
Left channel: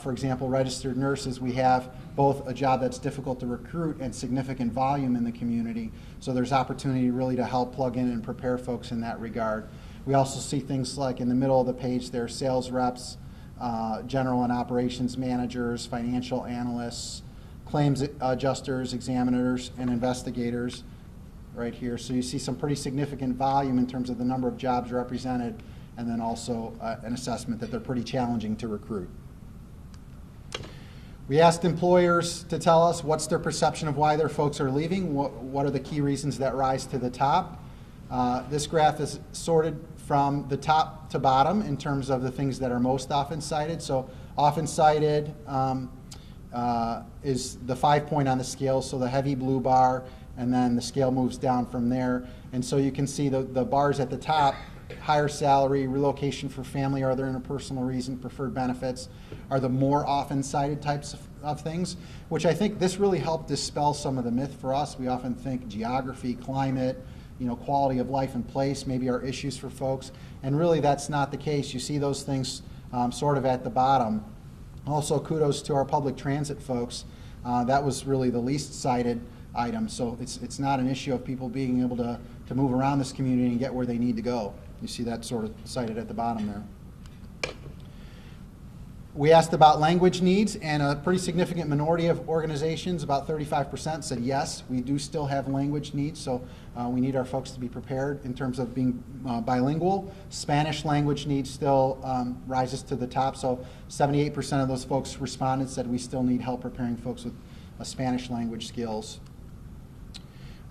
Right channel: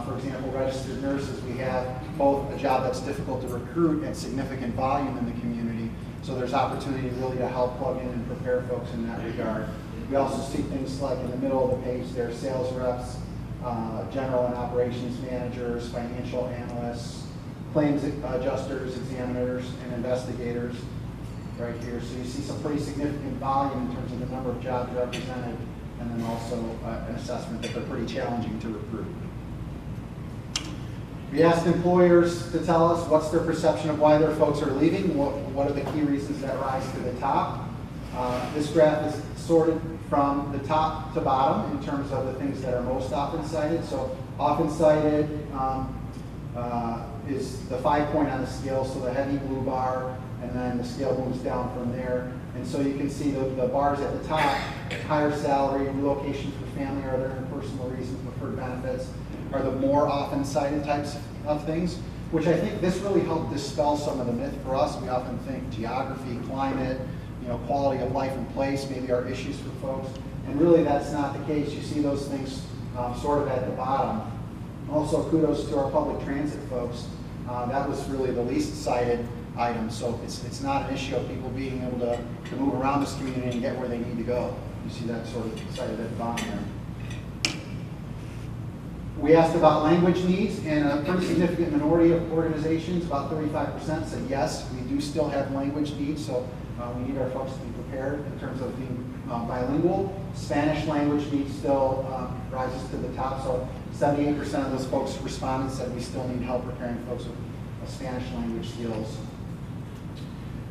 For example, registered nurses, we have both a job that's difficult to recruit and significant volume in the community. So there's opportunity really to help plug in and prepare folks in that regard. We also see things like in the middle of the page there, sales reps, general and operations managers, financial analysts, claims adjusters, examiners, and investigators right here. So you see some pretty significant volume in terms of the number of jobs represented, and then also an assessment that they're pretty challenging to recruit. We asked employers to tell us what's their perception of why their folks are leaving, what are the key reasons that rise to the top. This graph is sorted from the top to bottom in terms of the things that are most often cited. So often cited is the 5-point on the scale, so the heavy blue bar, and then the scale moves down from there. And so you can see the bars at the top, higher salary, relocation for family, or other interpersonal reason, preferred benefits, are the more often cited types of things, which I think this really helped dispel some of the myth for us. We often think geography, climate, quality of life and place maybe are issues for folks, and really that's not the case. You see those things sort of at the bottom. Also, kudos to our public transit folks. That was really the least cited item, so it's not an issue of people being able to move around this community and get where they need to go. You see that sort of cited at the bottom there. We asked about language needs, and a pretty significant minority of organizations, about 35%, said yes, we do still have language needs, so we need our folks to be prepared in terms of being bilingual. Spanish language needs still rises to the top, so 78% of those folks responded said we still need help preparing folks with Spanish language skills.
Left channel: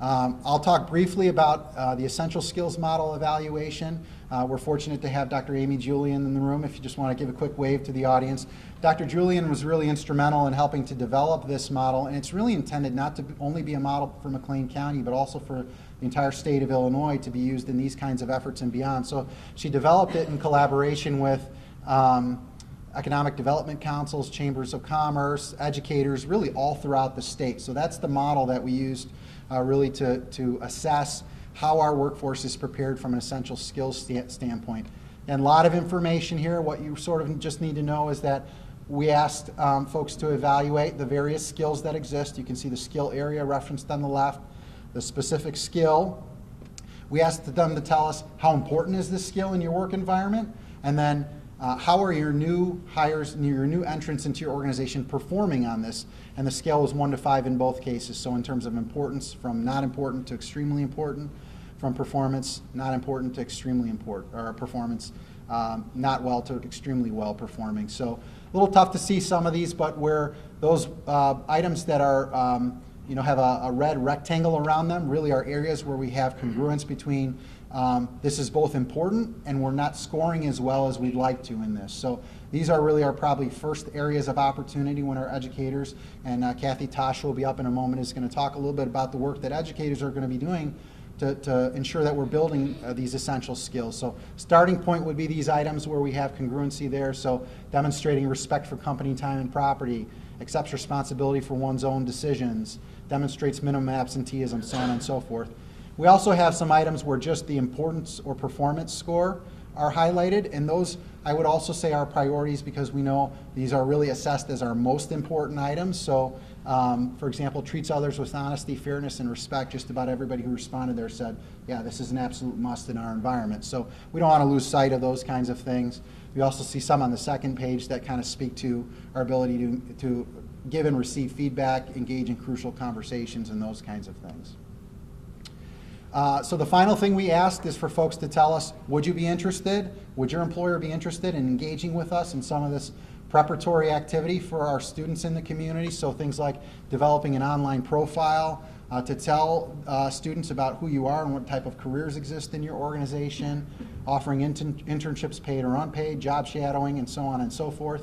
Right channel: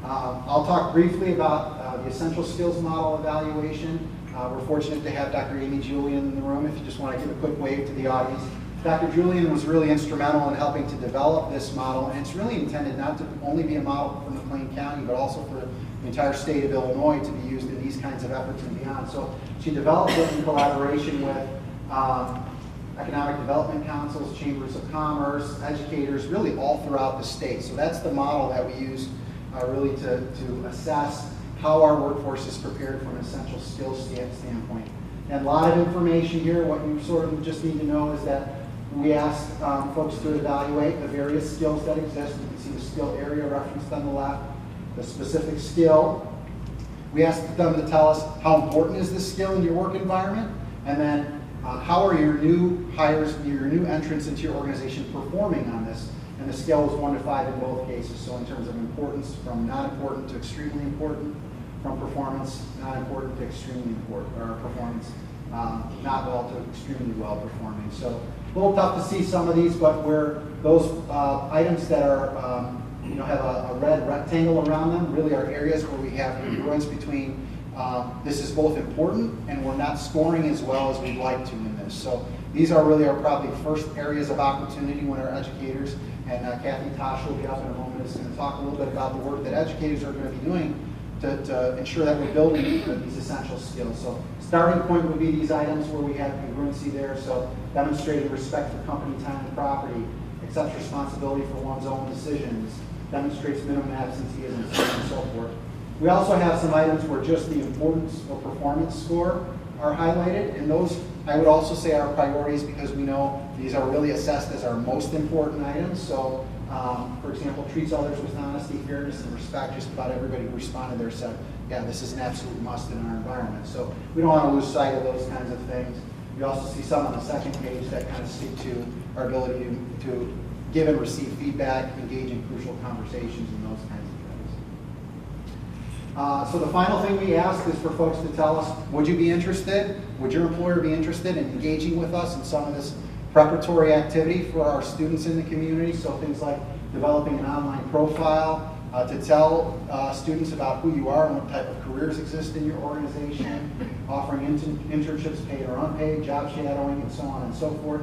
I'll talk briefly about the essential skills model evaluation. We're fortunate to have Dr. Amy Julian in the room. If you just want to give a quick wave to the audience. Dr. Julian was really instrumental in helping to develop this model, and it's really intended not to only be a model for McLean County, but also for the entire state of Illinois to be used in these kinds of efforts and beyond. So she developed it in collaboration with economic development councils, chambers of commerce, educators, really all throughout the state. So that's the model that we use really to assess how our workforce is prepared from an essential skills standpoint. And a lot of information here. What you sort of just need to know is that we asked folks to evaluate the various skills that exist. You can see the skill area referenced on the left, the specific skill. We asked them to tell us how important is this skill in your work environment, and then how are your new hires, your new entrants into your organization performing on this? And the scale was 1 to 5 in both cases. So in terms of importance, from not important to extremely important, from performance not important to extremely important, or performance not well to extremely well performing. So a little tough to see some of these, but where those items that are have a red rectangle around them really are areas where we have congruence between this is both important and we're not scoring as well as we'd like to in this. So these are really our probably first areas of opportunity when our educators, and Kathy Tosh will be up in a moment, is going to talk a little bit about the work that educators are going to be doing to ensure that we're building these essential skills. So starting point would be these items where we have congruency there. So demonstrating respect for company time and property, accepts responsibility for one's own decisions, demonstrates minimum absenteeism, so on and so forth. We also have some items where just the importance or performance score are highlighted, and those I would also say are priorities because we know these are really assessed as our most important items. So for example, treats others with honesty, fairness, and respect. Just about everybody who responded there said, yeah, this is an absolute must in our environment. So we don't want to lose sight of those kinds of things. We also see some on the second page that kind of speak to our ability to give and receive feedback, engage in crucial conversations, and those kinds of things. So the final thing we asked is for folks to tell us, would you be interested? Would your employer be interested in engaging with us in some of this preparatory activity for our students in the community? So things like developing an online profile to tell students about who you are and what type of careers exist in your organization, offering internships, paid or unpaid, job shadowing, and so on and so forth.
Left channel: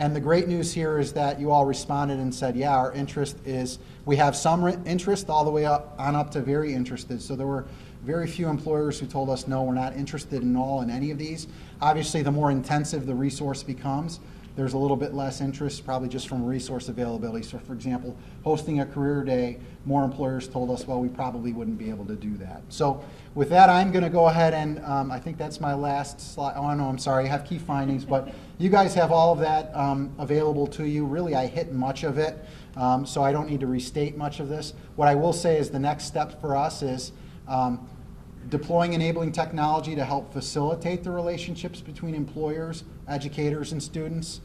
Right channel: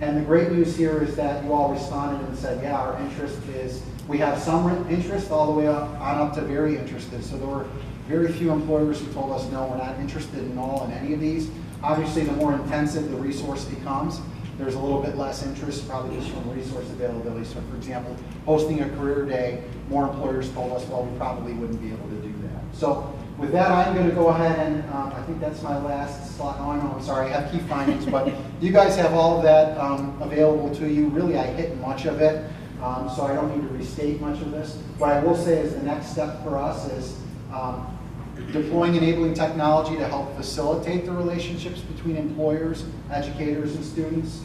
And the great news here is that you all responded and said, yeah, our interest is, we have some interest all the way on up to very interested. So there were very few employers who told us, no, we're not interested in any of these. Obviously, the more intensive the resource becomes, there's a little bit less interest, probably just from resource availability. So for example, hosting a career day, more employers told us, well, we probably wouldn't be able to do that. So with that, I'm going to go ahead and I think that's my last slide. Oh, no, I'm sorry, I have key findings, but you guys have all of that available to you. Really, I hit much of it, so I don't need to restate much of this. What I will say is the next step for us is deploying enabling technology to help facilitate the relationships between employers, educators, and students.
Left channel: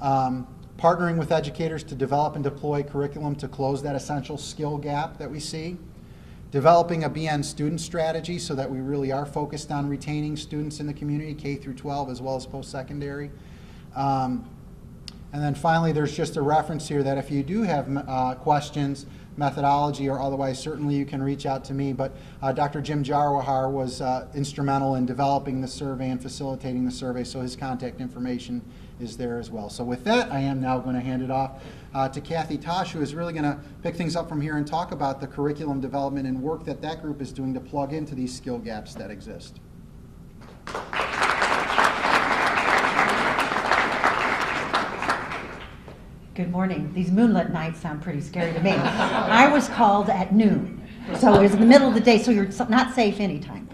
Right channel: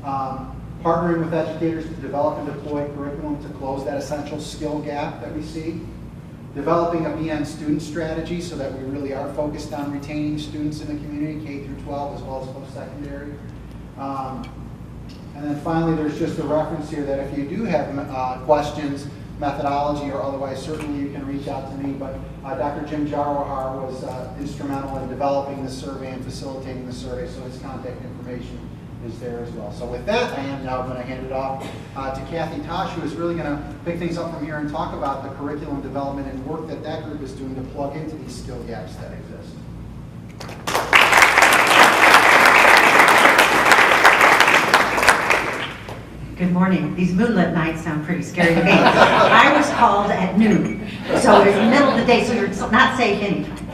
Partnering with educators to develop and deploy curriculum to close that essential skill gap that we see. Developing a BN student strategy so that we really are focused on retaining students in the community, K through 12 as well as post-secondary. And then finally, there's just a reference here that if you do have questions, methodology or otherwise, certainly you can reach out to me. But Dr. Jim Jarwahar was instrumental in developing this survey and facilitating the survey, so his contact information is there as well. So with that, I am now going to hand it off to Kathy Tosh, who is really going to pick things up from here and talk about the curriculum development and work that that group is doing to plug into these skill gaps that exist. Good morning. These moonlit nights sound pretty scary to me. I was called at noon, so it's the middle of the day, so you're not safe anytime.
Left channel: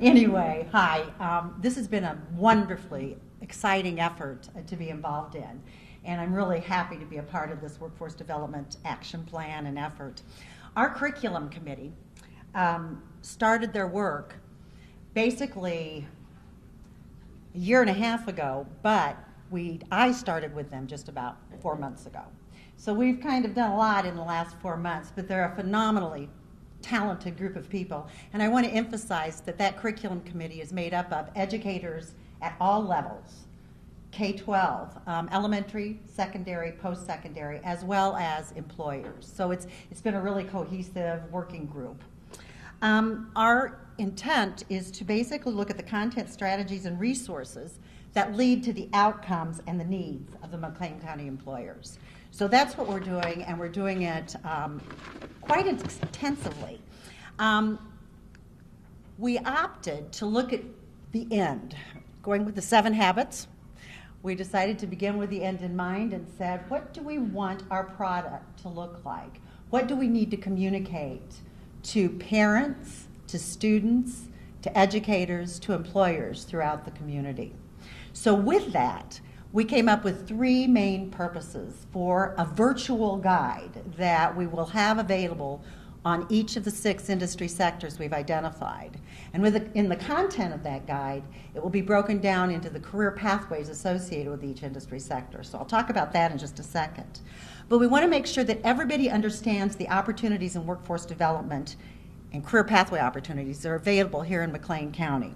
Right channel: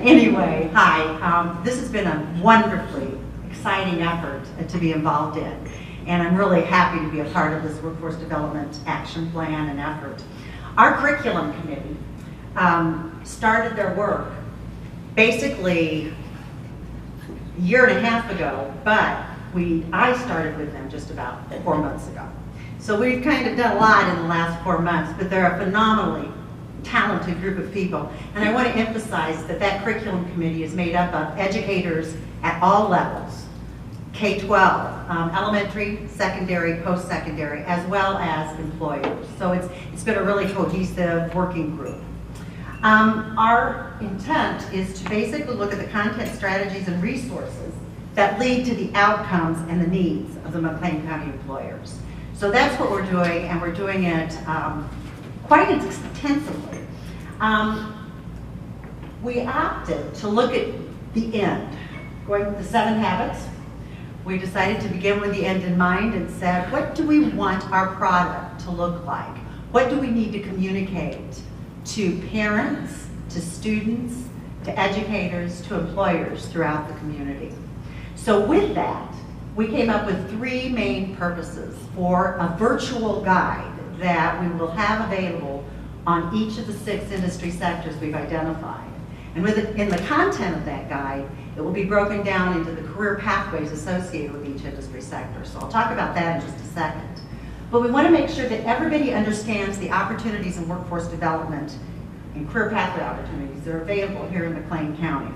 Anyway, hi. This has been a wonderfully exciting effort to be involved in, and I'm really happy to be a part of this workforce development action plan and effort. Our curriculum committee started their work basically a year and a half ago, but I started with them just about 4 months ago. So we've kind of done a lot in the last 4 months, but they're a phenomenally talented group of people. And I want to emphasize that that curriculum committee is made up of educators at all levels, K-12, elementary, secondary, post-secondary, as well as employers. So it's been a really cohesive working group. Our intent is to basically look at the content strategies and resources that lead to the outcomes and the needs of the McLean County employers. So that's what we're doing, and we're doing it quite extensively. We opted to look at the end, going with the 7 habits. We decided to begin with the end in mind and said, what do we want our product to look like? What do we need to communicate to parents, to students, to educators, to employers throughout the community? So with that, we came up with 3 main purposes for a virtual guide that we will have available on each of the 6 industry sectors we've identified. And in the content of that guide, it will be broken down into the career pathways associated with each industry sector. So I'll talk about that in just a second. But we want to make sure that everybody understands the opportunities in workforce development and career pathway opportunities that are available here in McLean County.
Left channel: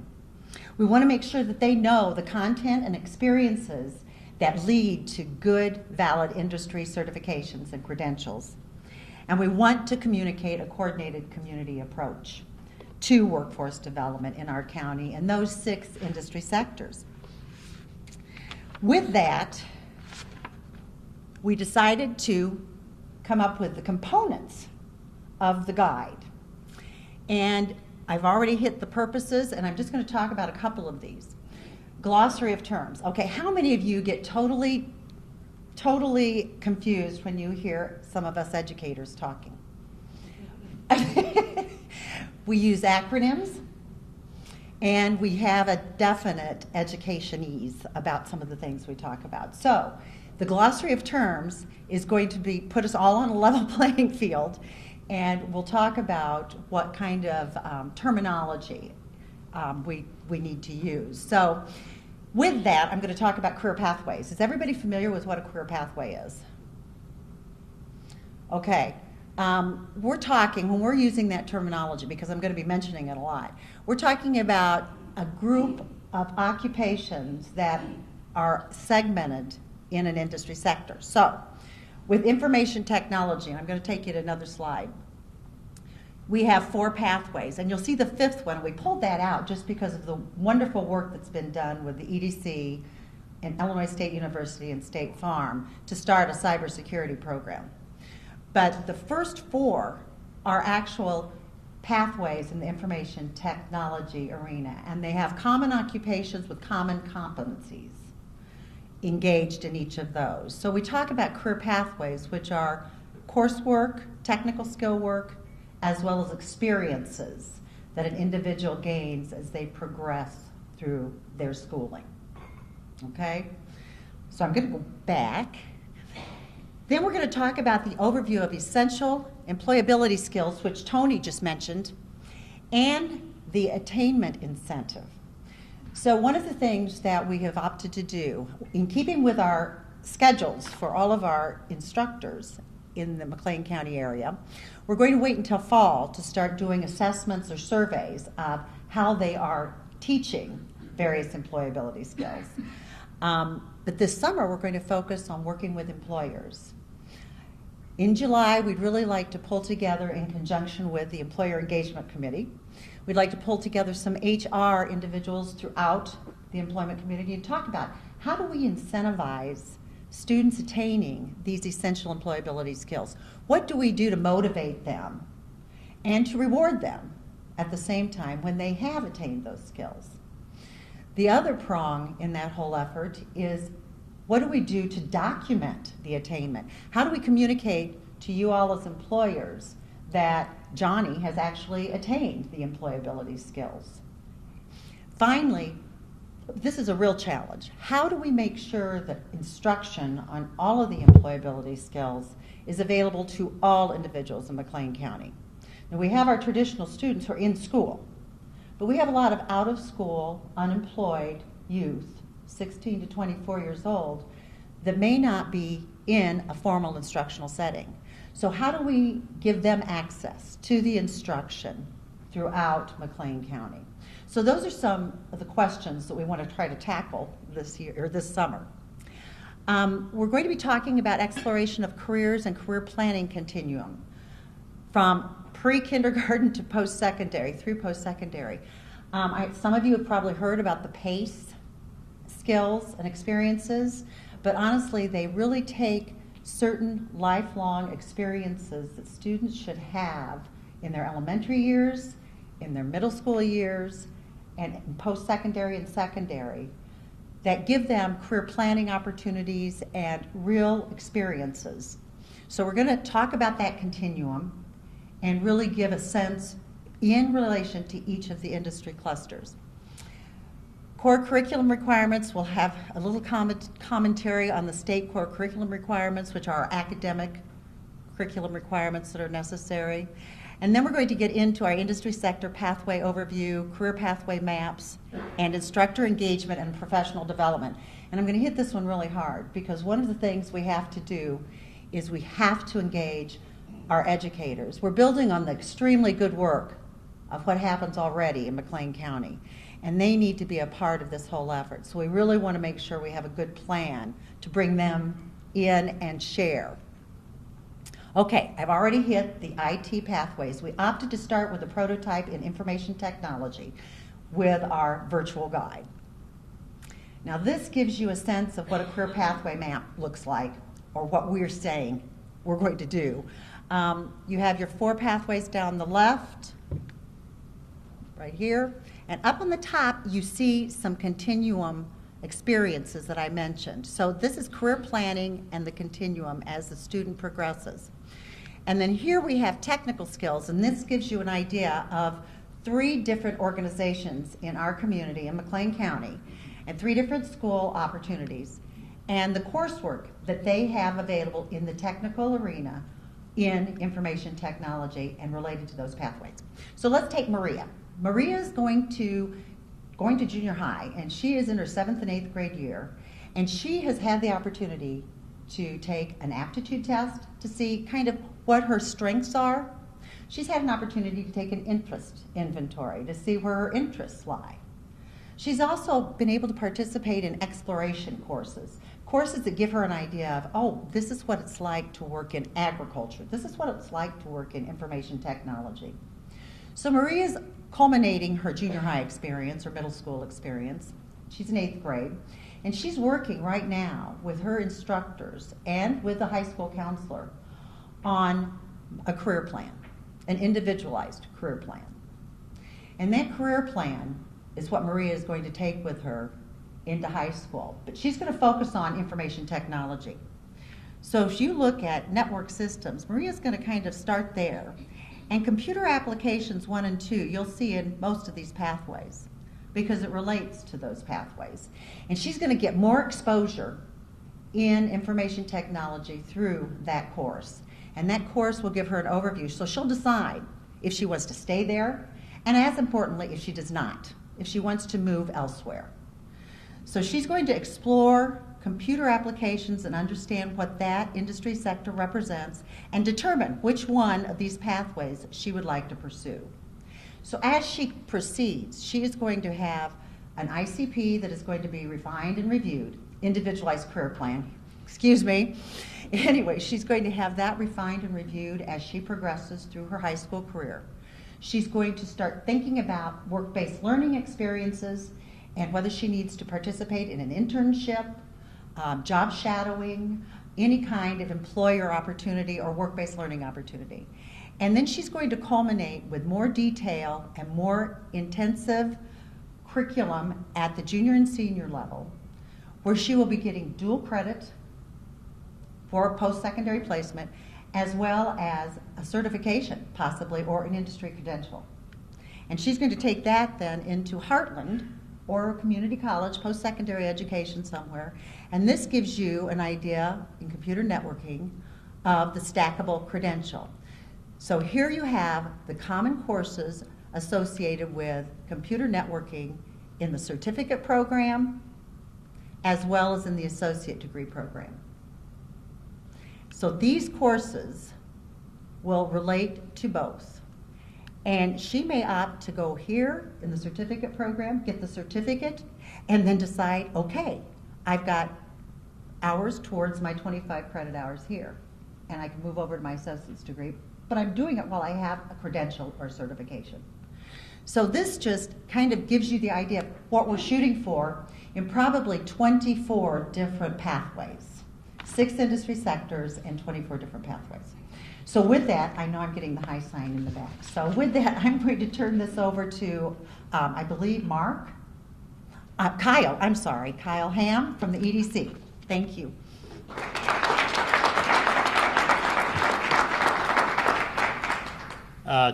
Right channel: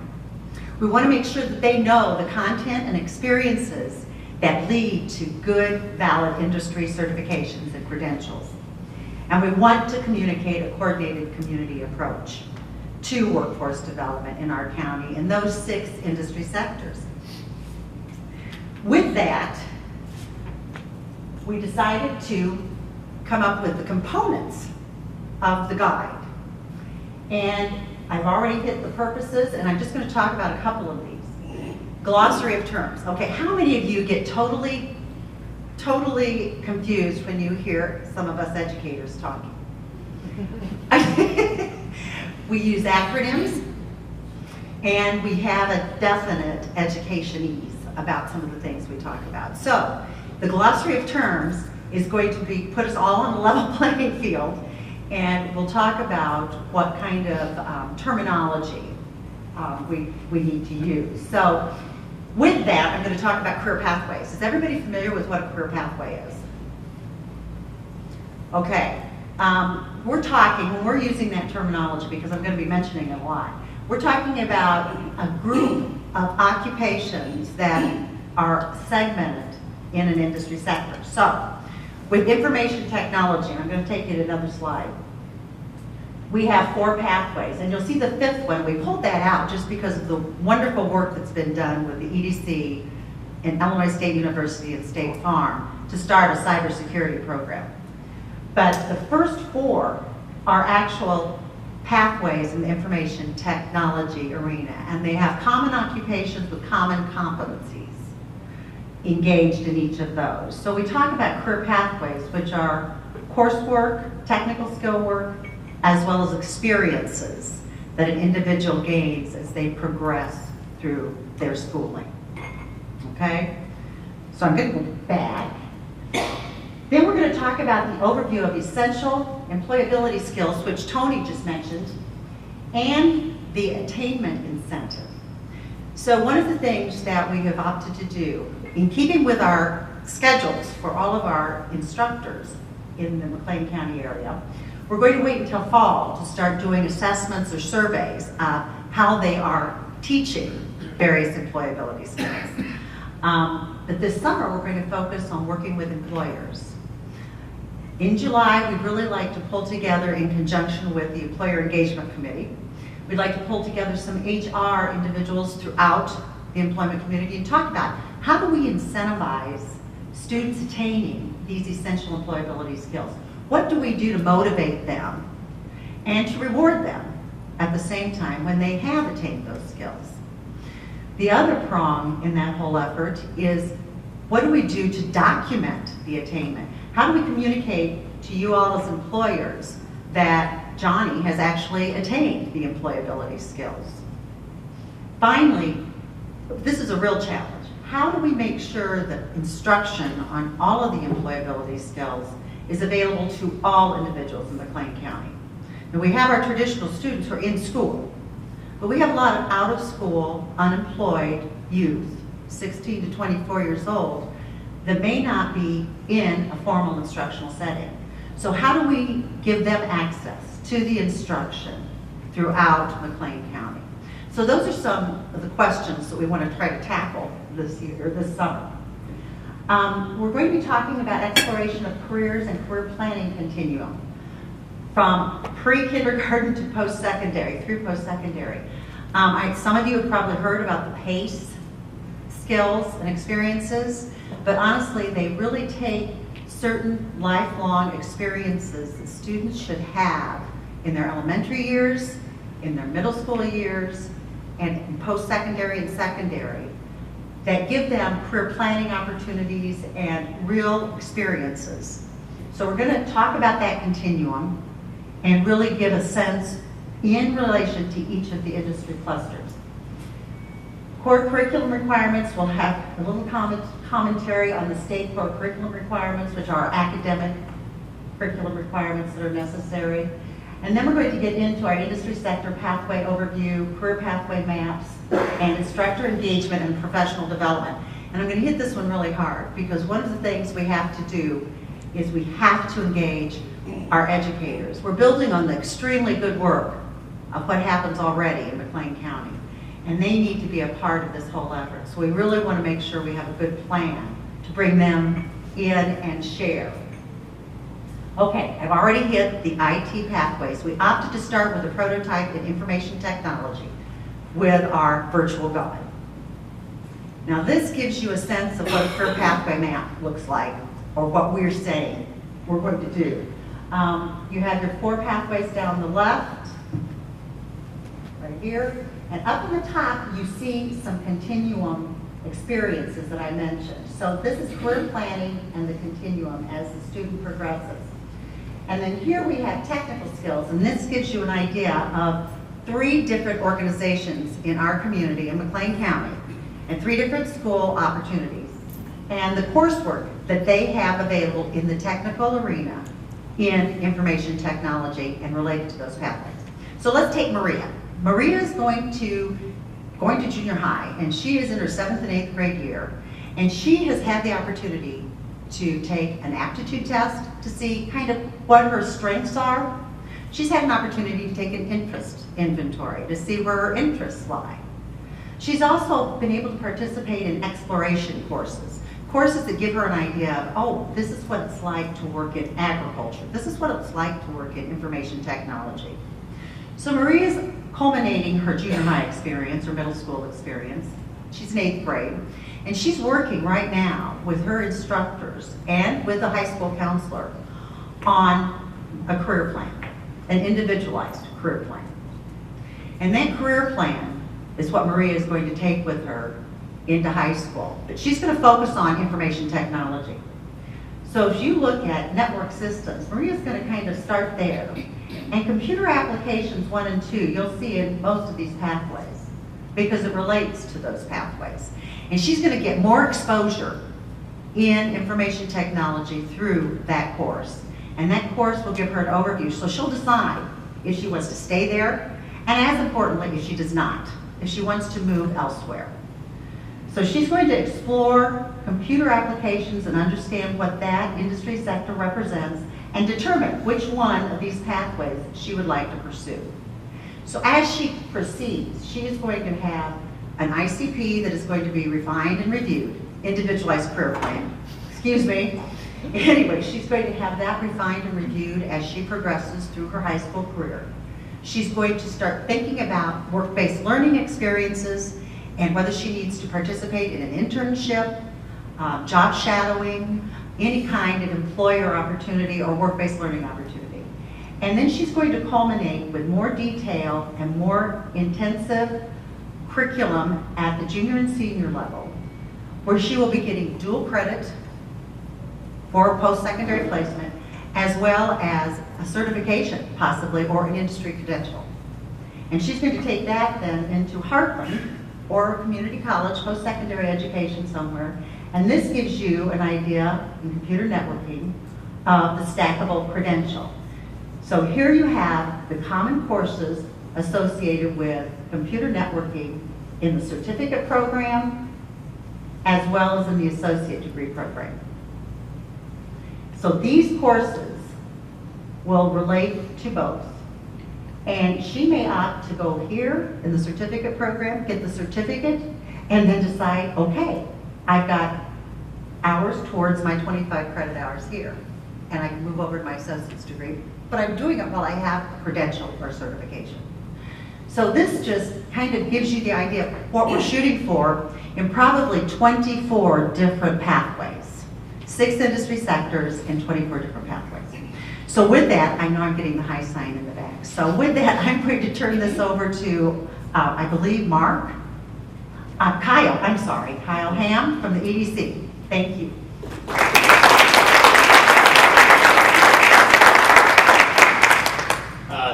We want to make sure that they know the content and experiences that lead to good, valid industry certifications and credentials. And we want to communicate a coordinated community approach to workforce development in our county in those 6 industry sectors. With that, we decided to come up with the components of the guide. And I've already hit the purposes, and I'm just going to talk about a couple of these. Glossary of terms. Okay, how many of you get totally confused when you hear some of us educators talking? We use acronyms, and we have a definite education-ese about some of the things we talk about. So, the glossary of terms is going to put us all on a level playing field, and we'll talk about what kind of terminology we need to use. So, with that, I'm going to talk about career pathways. Is everybody familiar with what a career pathway is? Okay. We're talking, when we're using that terminology, because I'm going to be mentioning it a lot, we're talking about a group of occupations that are segmented in an industry sector. So, with information technology, and I'm going to take you to another slide, we have 4 pathways, and you'll see the 5th one. We pulled that out just because of the wonderful work that's been done with the EDC and Illinois State University and State Farm to start a cybersecurity program. But the first 4 are actual pathways in the information technology arena, and they have common occupations with common competencies engaged in each of those. So we talk about career pathways, which are coursework, technical skill work, as well as experiences that an individual gains as they progress through their schooling. Okay? So I'm going to go back. Then we're going to talk about the overview of essential employability skills, which Tony just mentioned, and the attainment incentive. So one of the things that we have opted to do, in keeping with our schedules for all of our instructors in the McLean County area, we're going to wait until fall to start doing assessments or surveys of how they are teaching various employability skills. But this summer, we're going to focus on working with employers. In July, we'd really like to pull together, in conjunction with the Employer Engagement Committee, we'd like to pull together some HR individuals throughout the employment community and talk about how do we incentivize students attaining these essential employability skills. What do we do to motivate them and to reward them at the same time when they have attained those skills? The other prong in that whole effort is, what do we do to document the attainment? How do we communicate to you all as employers that Johnny has actually attained the employability skills? Finally, this is a real challenge. How do we make sure that instruction on all of the employability skills is available to all individuals in McLean County? And we have our traditional students who are in school, but we have a lot of out-of-school, unemployed youth, 16 to 24 years old, that may not be in a formal instructional setting. So how do we give them access to the instruction throughout McLean County? So those are some of the questions that we want to try to tackle this year, or this summer. We're going to be talking about exploration of careers and career planning continuum from pre-kindergarten to post-secondary, through post-secondary. Some of you have probably heard about the PACE skills and experiences, but honestly, they really take certain lifelong experiences that students should have in their elementary years, in their middle school years, and in post-secondary and secondary, that give them career planning opportunities and real experiences. So we're going to talk about that continuum and really give a sense in relation to each of the industry clusters. Core curriculum requirements will have a little commentary on the state core curriculum requirements, which are academic curriculum requirements that are necessary. And then we're going to get into our industry sector pathway overview, career pathway maps, and instructor engagement and professional development. And I'm going to hit this one really hard because one of the things we have to do is we have to engage our educators. We're building on the extremely good work of what happens already in McLean County, and they need to be a part of this whole effort. So we really want to make sure we have a good plan to bring them in and share. Okay, I've already hit the IT pathways. We opted to start with a prototype in information technology with our virtual guide. Now this gives you a sense of what a career pathway map looks like, or what we're saying we're going to do. You have your 4 pathways down the left, right here, and up in the top you see some continuum experiences that I mentioned. So this is career planning and the continuum as the student progresses. And then here we have technical skills, and this gives you an idea of 3 different organizations in our community in McLean County and 3 different school opportunities and the coursework that they have available in the technical arena in information technology and related to those pathways. So let's take Maria. Maria is going to junior high, and she is in her 7th and 8th grade year, and she has had the opportunity to take an aptitude test to see kind of what her strengths are. She's had an opportunity to take an interest inventory to see where her interests lie. She's also been able to participate in exploration courses, courses that give her an idea of, oh, this is what it's like to work in agriculture. This is what it's like to work in information technology. So Maria's culminating her junior high experience, or middle school experience. She's in 8th grade. And she's working right now with her instructors and with a high school counselor on a career plan, an individualized career plan. And that career plan is what Maria is going to take with her into high school. But she's going to focus on information technology. So if you look at network systems, Maria's going to kind of start there. And computer applications 1 and 2, you'll see in most of these pathways because it relates to those pathways. And she's going to get more exposure in information technology through that course. And that course will give her an overview. So she'll decide if she wants to stay there, and as importantly, if she does not, if she wants to move elsewhere. So she's going to explore computer applications and understand what that industry sector represents and determine which one of these pathways she would like to pursue. So as she proceeds, she is going to have an ICP that is going to be refined and reviewed, individualized career plan, excuse me. Anyway, she's going to have that refined and reviewed as she progresses through her high school career. She's going to start thinking about work-based learning experiences and whether she needs to participate in an internship, job shadowing, any kind of employer opportunity or work-based learning opportunity. And then she's going to culminate with more detail and more intensive curriculum at the junior and senior level, where she will be getting dual credit for post-secondary placement, as well as a certification, possibly, or an industry credential. And she's going to take that then into Heartland or a community college, post-secondary education somewhere, and this gives you an idea in computer networking of the stackable credential. So here you have the common courses associated with computer networking in the certificate program as well as in the associate degree program. So these courses will relate to both. And she may opt to go here in the certificate program, get the certificate, and then decide, okay, I hours towards my 25 credit hours here. And I can move over to my associate's degree, but I'm doing it while I have a credential or certification. So this just kind of gives you the idea of what we're shooting for in probably 24 different pathways, 6 industry sectors and 24 different pathways. So with that, I know I'm getting the high sign in the back. So with that, I'm going to turn this over to, I believe, Kyle Ham from the EDC. Thank you.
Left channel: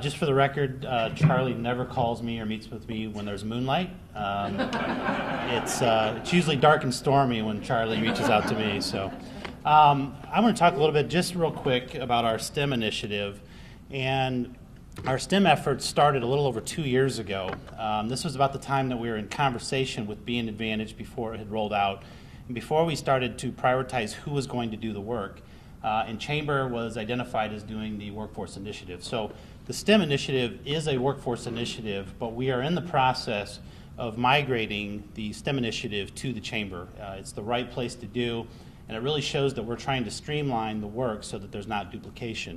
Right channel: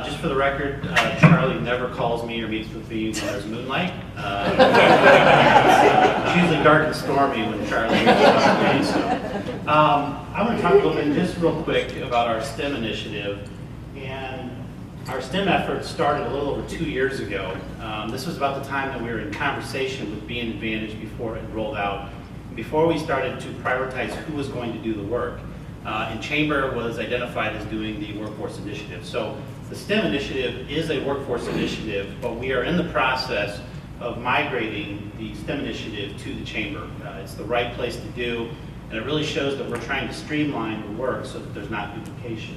Just for the record, Charlie never calls me or meets with me when there's moonlight. It's usually dark and stormy when Charlie reaches out to me. So, I want to talk a little bit, just real quick, about our STEM initiative. And our STEM efforts started a little over 2 years ago. This was about the time that we were in conversation with Being Advantaged before it had rolled out, and before we started to prioritize who was going to do the work. And Chamber was identified as doing the workforce initiative. So the STEM initiative is a workforce initiative, but we are in the process of migrating the STEM initiative to the Chamber. It's the right place to do, and it really shows that we're trying to streamline the work so that there's not duplication.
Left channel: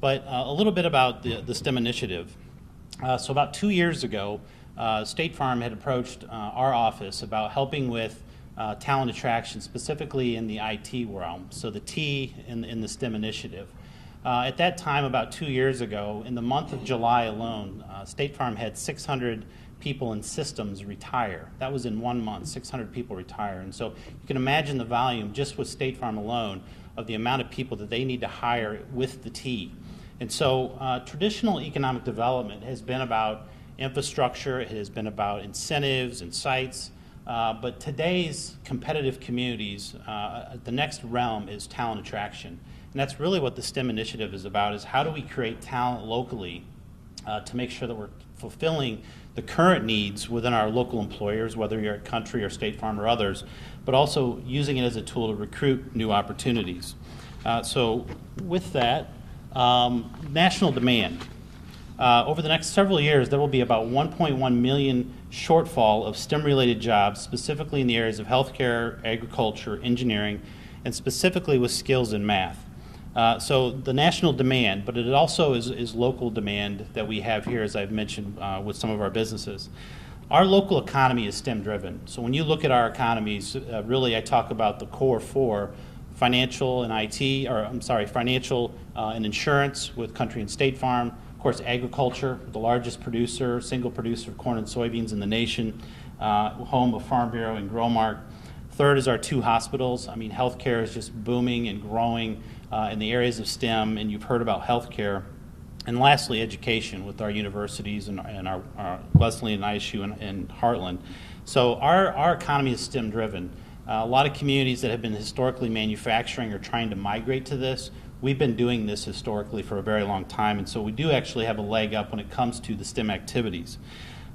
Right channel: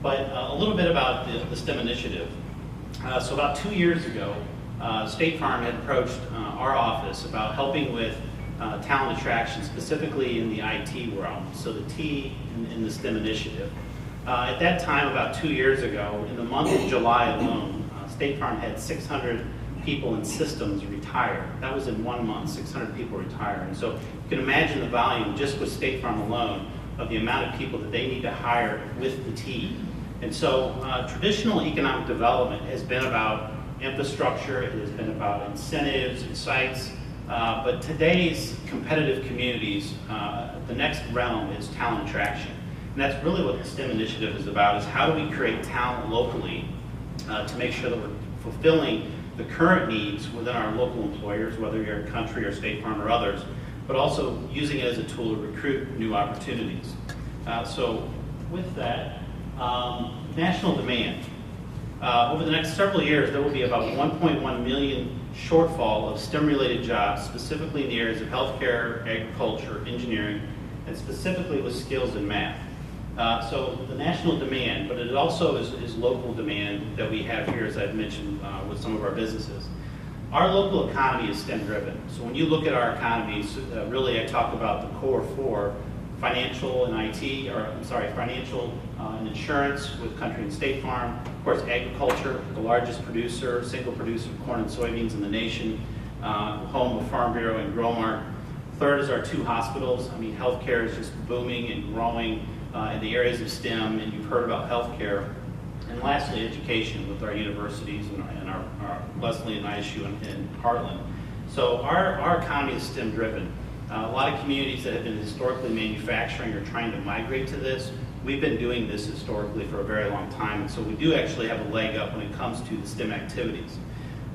But a little bit about the STEM initiative. So about 2 years ago, State Farm had approached our office about helping with talent attraction, specifically in the IT realm, so the T in the STEM initiative. At that time, about 2 years ago, in the month of July alone, State Farm had 600 people in systems retire. That was in 1 month, 600 people retire. And so you can imagine the volume just with State Farm alone of the amount of people that they need to hire with the T. And so traditional economic development has been about infrastructure, it has been about incentives and sites, but today's competitive communities, the next realm is talent attraction. And that's really what the STEM initiative is about, is how do we create talent locally to make sure that we're fulfilling the current needs within our local employers, whether you're a country or State Farm or others, but also using it as a tool to recruit new opportunities. So with that, national demand. Over the next several years, there will be about 1.1 million shortfall of STEM-related jobs, specifically in the areas of healthcare, agriculture, engineering, and specifically with skills in math. So the national demand, but it also is local demand that we have here, as I've mentioned with some of our businesses. Our local economy is STEM-driven. So when you look at our economies, really I talk about the core four: financial and IT, or I'm sorry, financial and insurance with Country and State Farm. Of course, agriculture, the largest producer, single producer of corn and soybeans in the nation, home of Farm Bureau and Growmark. Third is our 2 hospitals. I mean, healthcare is just booming and growing in the areas of STEM, and you've heard about healthcare. And lastly, education with our universities and our Wesleyan, ISU, and Heartland. So our economy is STEM driven. A lot of communities that have been historically manufacturing are trying to migrate to this. We've been doing this historically for a very long time, and so we do actually have a leg up when it comes to the STEM activities.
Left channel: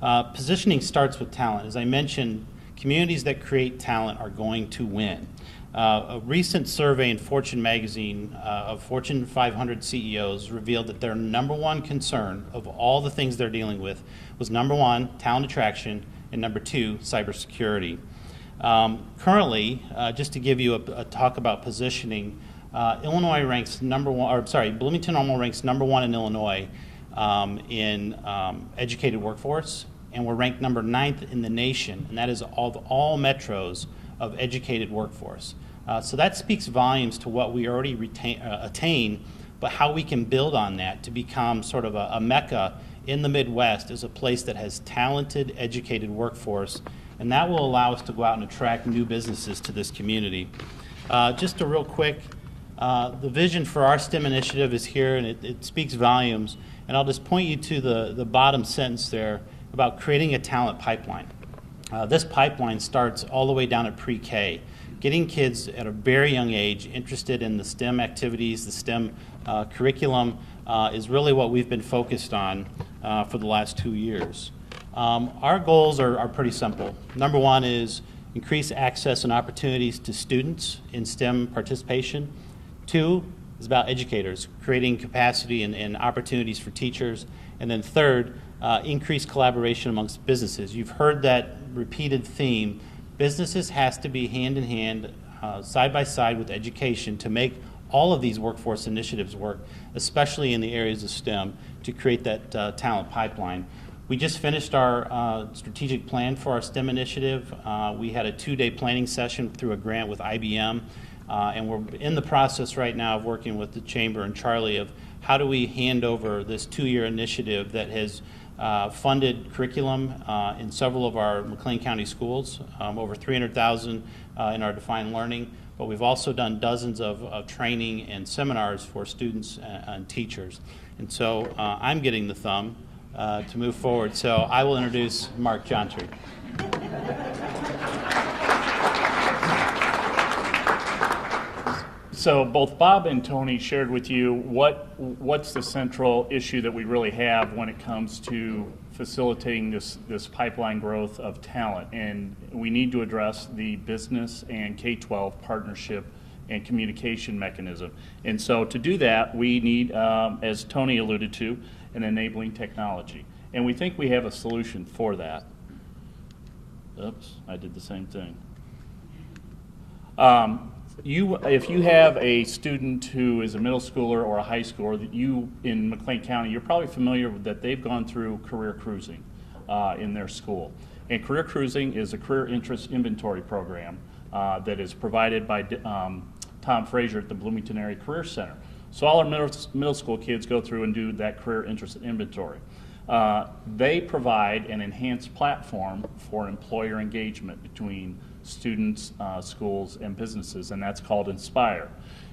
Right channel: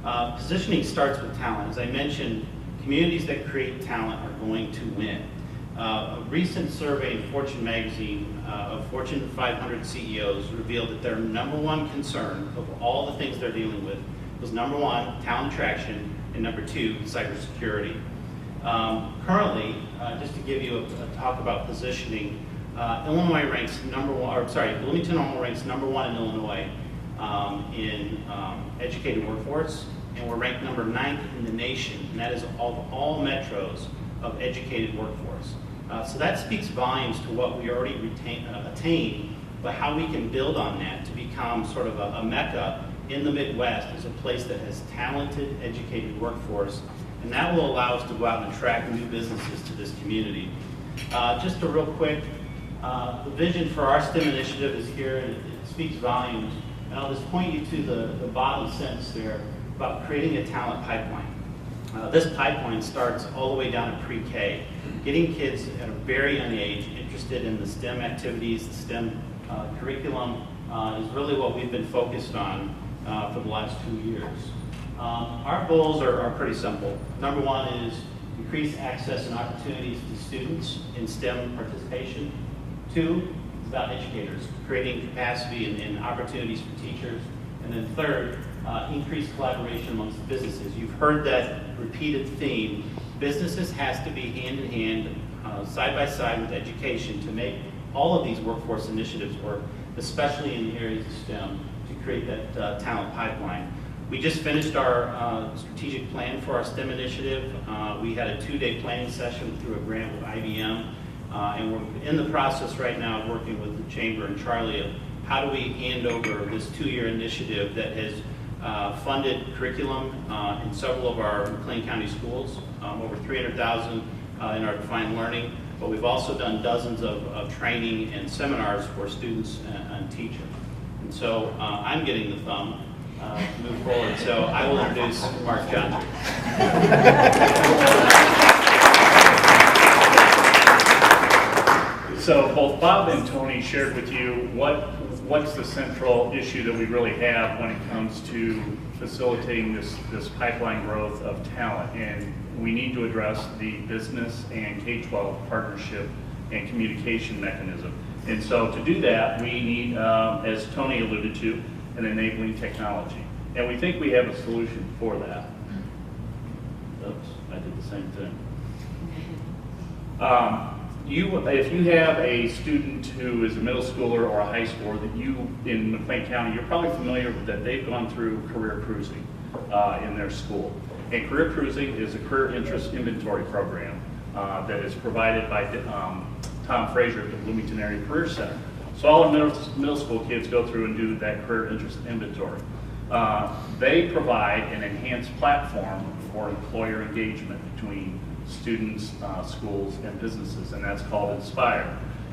Positioning starts with talent. As I mentioned, communities that create talent are going to win. A recent survey in Fortune magazine of Fortune 500 CEOs revealed that their number one concern of all the things they're dealing with was number 1, talent attraction, and number 2, cybersecurity. Currently, just to give you a talk about positioning, Illinois ranks Bloomington Normal ranks number 1 in Illinois in educated workforce, and we're ranked number 9th in the nation, and that is all metros of educated workforce. So that speaks volumes to what we already attain, but how we can build on that to become sort of a mecca in the Midwest as a place that has talented, educated workforce, and that will allow us to go out and attract new businesses to this community. Just a real quick, the vision for our STEM initiative is here, and it speaks volumes, and I'll just point you to the bottom sentence there about creating a talent pipeline. This pipeline starts all the way down at pre-K, getting kids at a very young age interested in the STEM activities, the STEM curriculum is really what we've been focused on for the last 2 years. Our goals are pretty simple. Number 1 is increase access and opportunities to students in STEM participation. 2 is about educators, creating capacity and opportunities for teachers. And then third, increase collaboration amongst businesses. You've heard that repeated theme. Businesses has to be hand in hand side by side with education to make all of these workforce initiatives work, especially in the areas of STEM, to create that talent pipeline. We just finished our strategic plan for our STEM initiative. We had a 2-day planning session through a grant with IBM, and we're in the process right now of working with the Chamber and Charlie of how do we hand over this 2-year initiative that has funded curriculum in several of our McLean County schools, over $300,000 in our defined learning, but we've also done dozens of training and seminars for students and teachers. And so I'm getting the thumb to move forward. So I will introduce Mark Johnson. So both Bob and Tony shared with you what's the central issue that we really have when it comes to facilitating this pipeline growth of talent. And we need to address the business and K-12 partnership and communication mechanism. And so to do that, we need, as Tony alluded to, an enabling technology. And we think we have a solution for that. Oops, I did the same thing. If you have a student who is a middle schooler or a high schooler that you, in McLean County, you're probably familiar with that they've gone through career cruising in their school. And career cruising is a career interest inventory program that is provided by Tom Fraser at the Bloomington Area Career Center. So all our middle school kids go through and do that career interest inventory. They provide an enhanced platform for employer engagement between students, schools, and businesses, and that's called Inspire.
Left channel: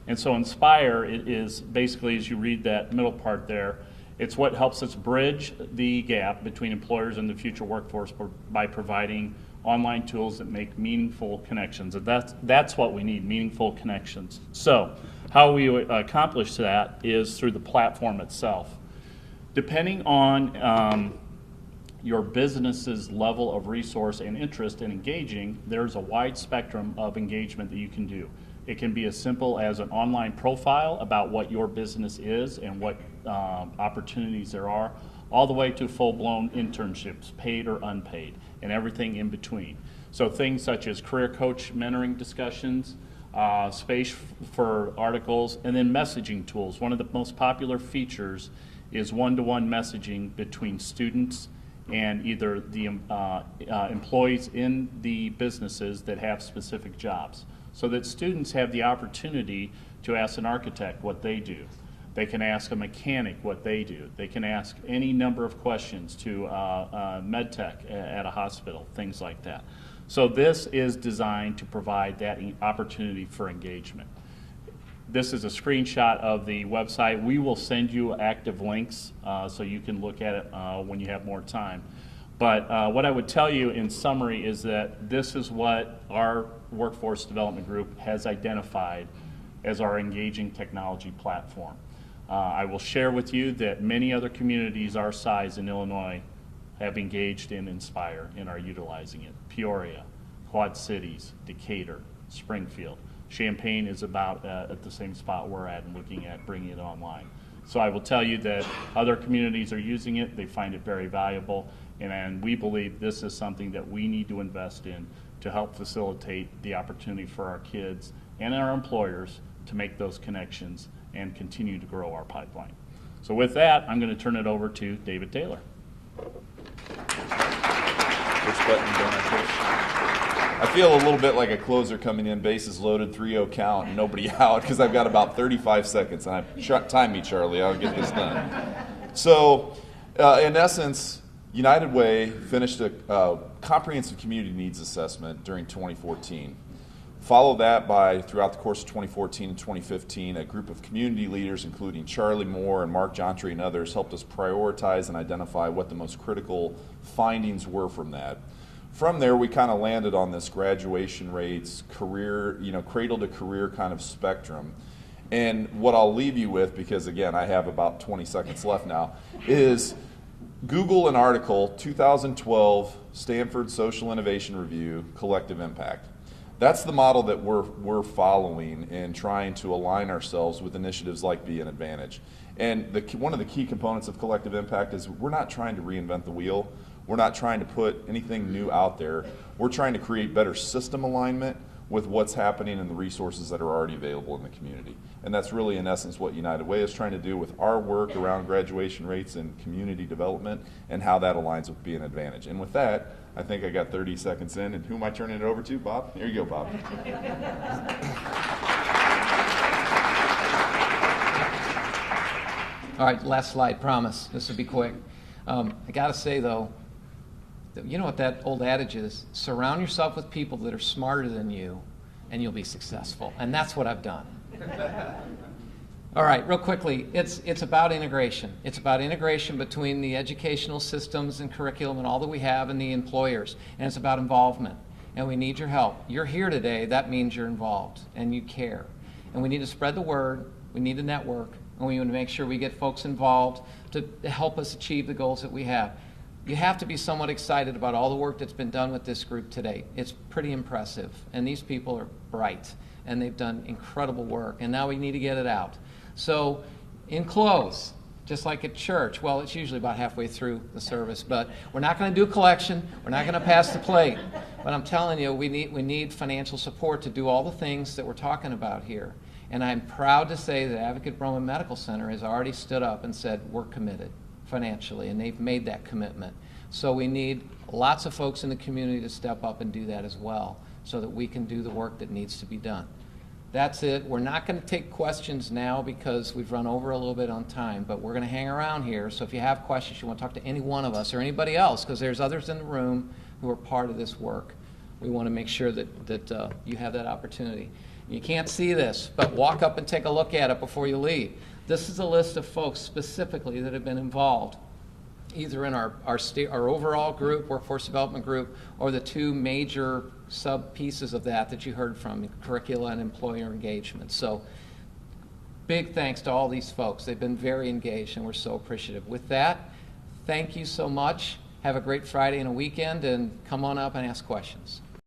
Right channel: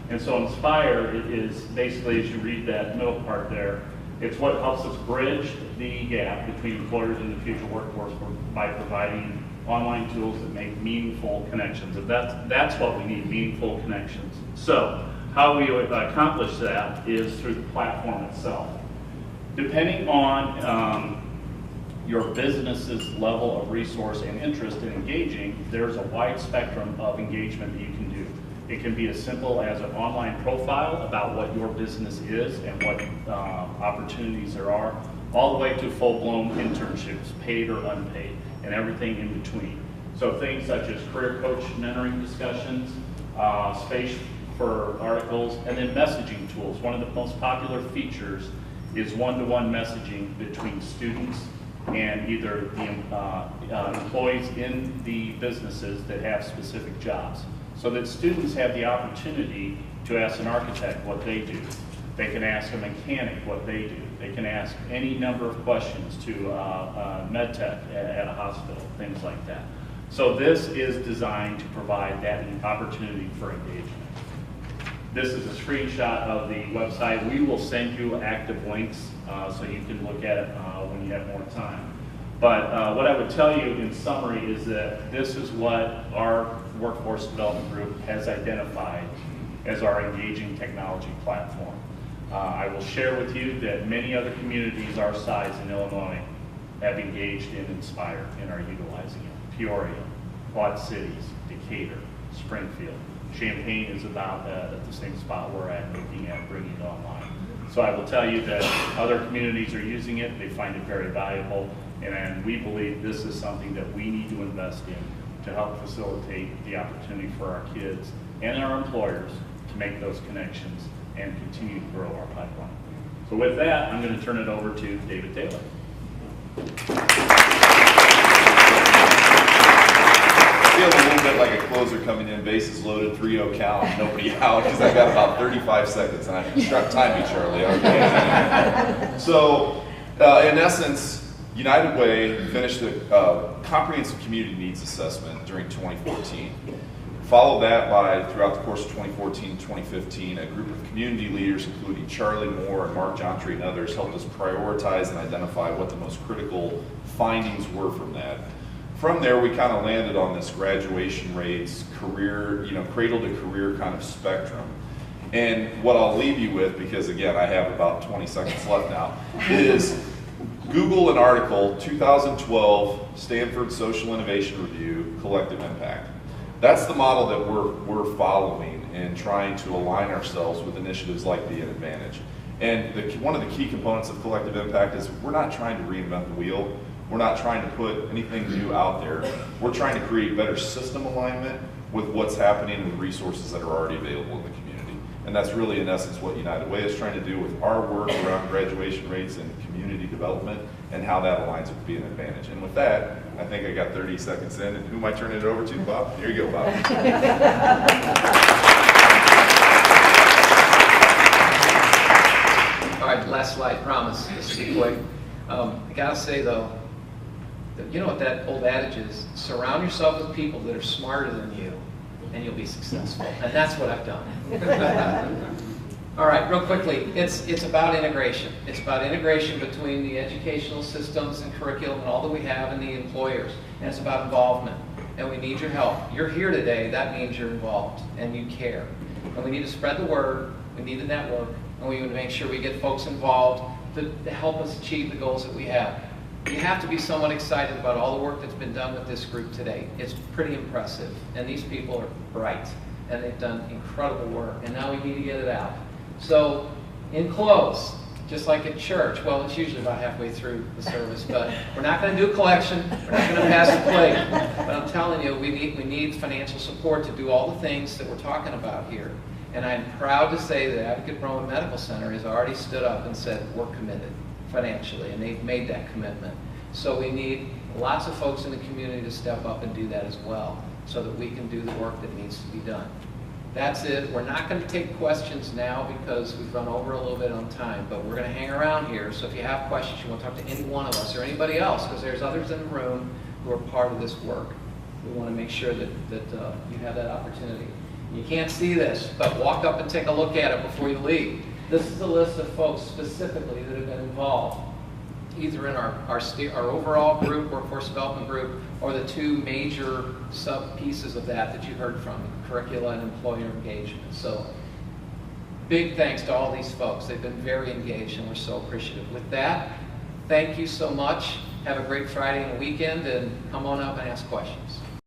And so Inspire, it is basically, as you read that middle part there, it's what helps us bridge the gap between employers and the future workforce by providing online tools that make meaningful connections. And that's what we need, meaningful connections. So how we accomplish that is through the platform itself. Depending on your business's level of resource and interest in engaging, there's a wide spectrum of engagement that you can do. It can be as simple as an online profile about what your business is and what opportunities there are, all the way to full-blown internships, paid or unpaid, and everything in between. So things such as career coach mentoring discussions, space for articles, and then messaging tools. One of the most popular features is one-to-one messaging between students and either the employees in the businesses that have specific jobs, so that students have the opportunity to ask an architect what they do. They can ask a mechanic what they do. They can ask any number of questions to med tech at a hospital, things like that. So this is designed to provide that opportunity for engagement. This is a screenshot of the website. We will send you active links so you can look at it when you have more time. But what I would tell you in summary is that this is what our workforce development group has identified as our engaging technology platform. I will share with you that many other communities our size in Illinois have engaged in Inspire and are utilizing it. Peoria, Quad Cities, Decatur, Springfield. Champaign is about at the same spot we're at, looking at bringing it online. So I will tell you that other communities are using it, they find it very valuable, and we believe this is something that we need to invest in to help facilitate the opportunity for our kids and our employers to make those connections and continue to grow our pipeline. So with that, I'm going to turn it over to David Taylor. I feel a little bit like a closer coming in, bases loaded, 3-0 count, nobody out, because I've got about 35 seconds on it. Time me, Charlie. So, in essence, United Way finished a comprehensive community needs assessment during 2014. Followed that by, throughout the course of 2014 and 2015, a group of community leaders, including Charlie Moore and Mark Jontry and others, helped us prioritize and identify what the most critical findings were from that. From there, we kind of landed on this graduation rates, career, cradle to career kind of spectrum. And what I'll leave you with, because again, I have about 20 seconds left now, is Google an article, 2012 Stanford Social Innovation Review, Collective Impact. That's the model that we're following in trying to align ourselves with initiatives like Be an Advantage. And one of the key components of collective impact is we're not trying to reinvent the wheel. We're not trying to put anything new out there. We're trying to create better system alignment. with what's happening and the resources that are already available in the community. And that's really, in essence, what United Way is trying to do with our work around graduation rates and community development and how that aligns with being an advantage. And with that, I think I got 30 seconds in, and who am I turning it over to, Bob? Here you go, Bob. All right, last slide, promise. This will be quick. I gotta say though, that you know what that old adage is? Surround yourself with people that are smarter than you, and you'll be successful. And that's what I've done. All right, real quickly, it's about integration. It's about integration between the educational systems and curriculum and all that we have and the employers. And it's about involvement. And we need your help. You're here today, that means you're involved and you care. And we need to spread the word, we need to network, and we need to make sure we get folks involved to help us achieve the goals that we have. You have to be somewhat excited about all the work that's been done with this group today. It's pretty impressive. And these people are bright. And they've done incredible work. And now we need to get it out. So, in close, just like at church, well, it's usually about halfway through the service, but we're not going to do a collection, we're not going to pass the plate. But I'm telling you, we need financial support to do all the things that we're talking about here. And I'm proud to say that Advocate Roman Medical Center has already stood up and said, we're committed financially, and they've made that commitment. So we need lots of folks in the community to step up and do that as well, so that we can do the work that needs to be done. That's it. We're not going to take questions now because we've run over a little bit on time, but we're going to hang around here. So if you have questions, you want to talk to any one of us or anybody else, because there's others in the room who are part of this work. We want to make sure that you have that opportunity. You can't see this, but walk up and take a look at it before you leave. This is a list of folks specifically that have been involved, either in our overall group, workforce development group, or the two major sub-pieces of that you heard from, curricula and employer engagement. So big thanks to all these folks. They've been very engaged, and we're so appreciative. With that, thank you so much. Have a great Friday and weekend, and come on up and ask questions.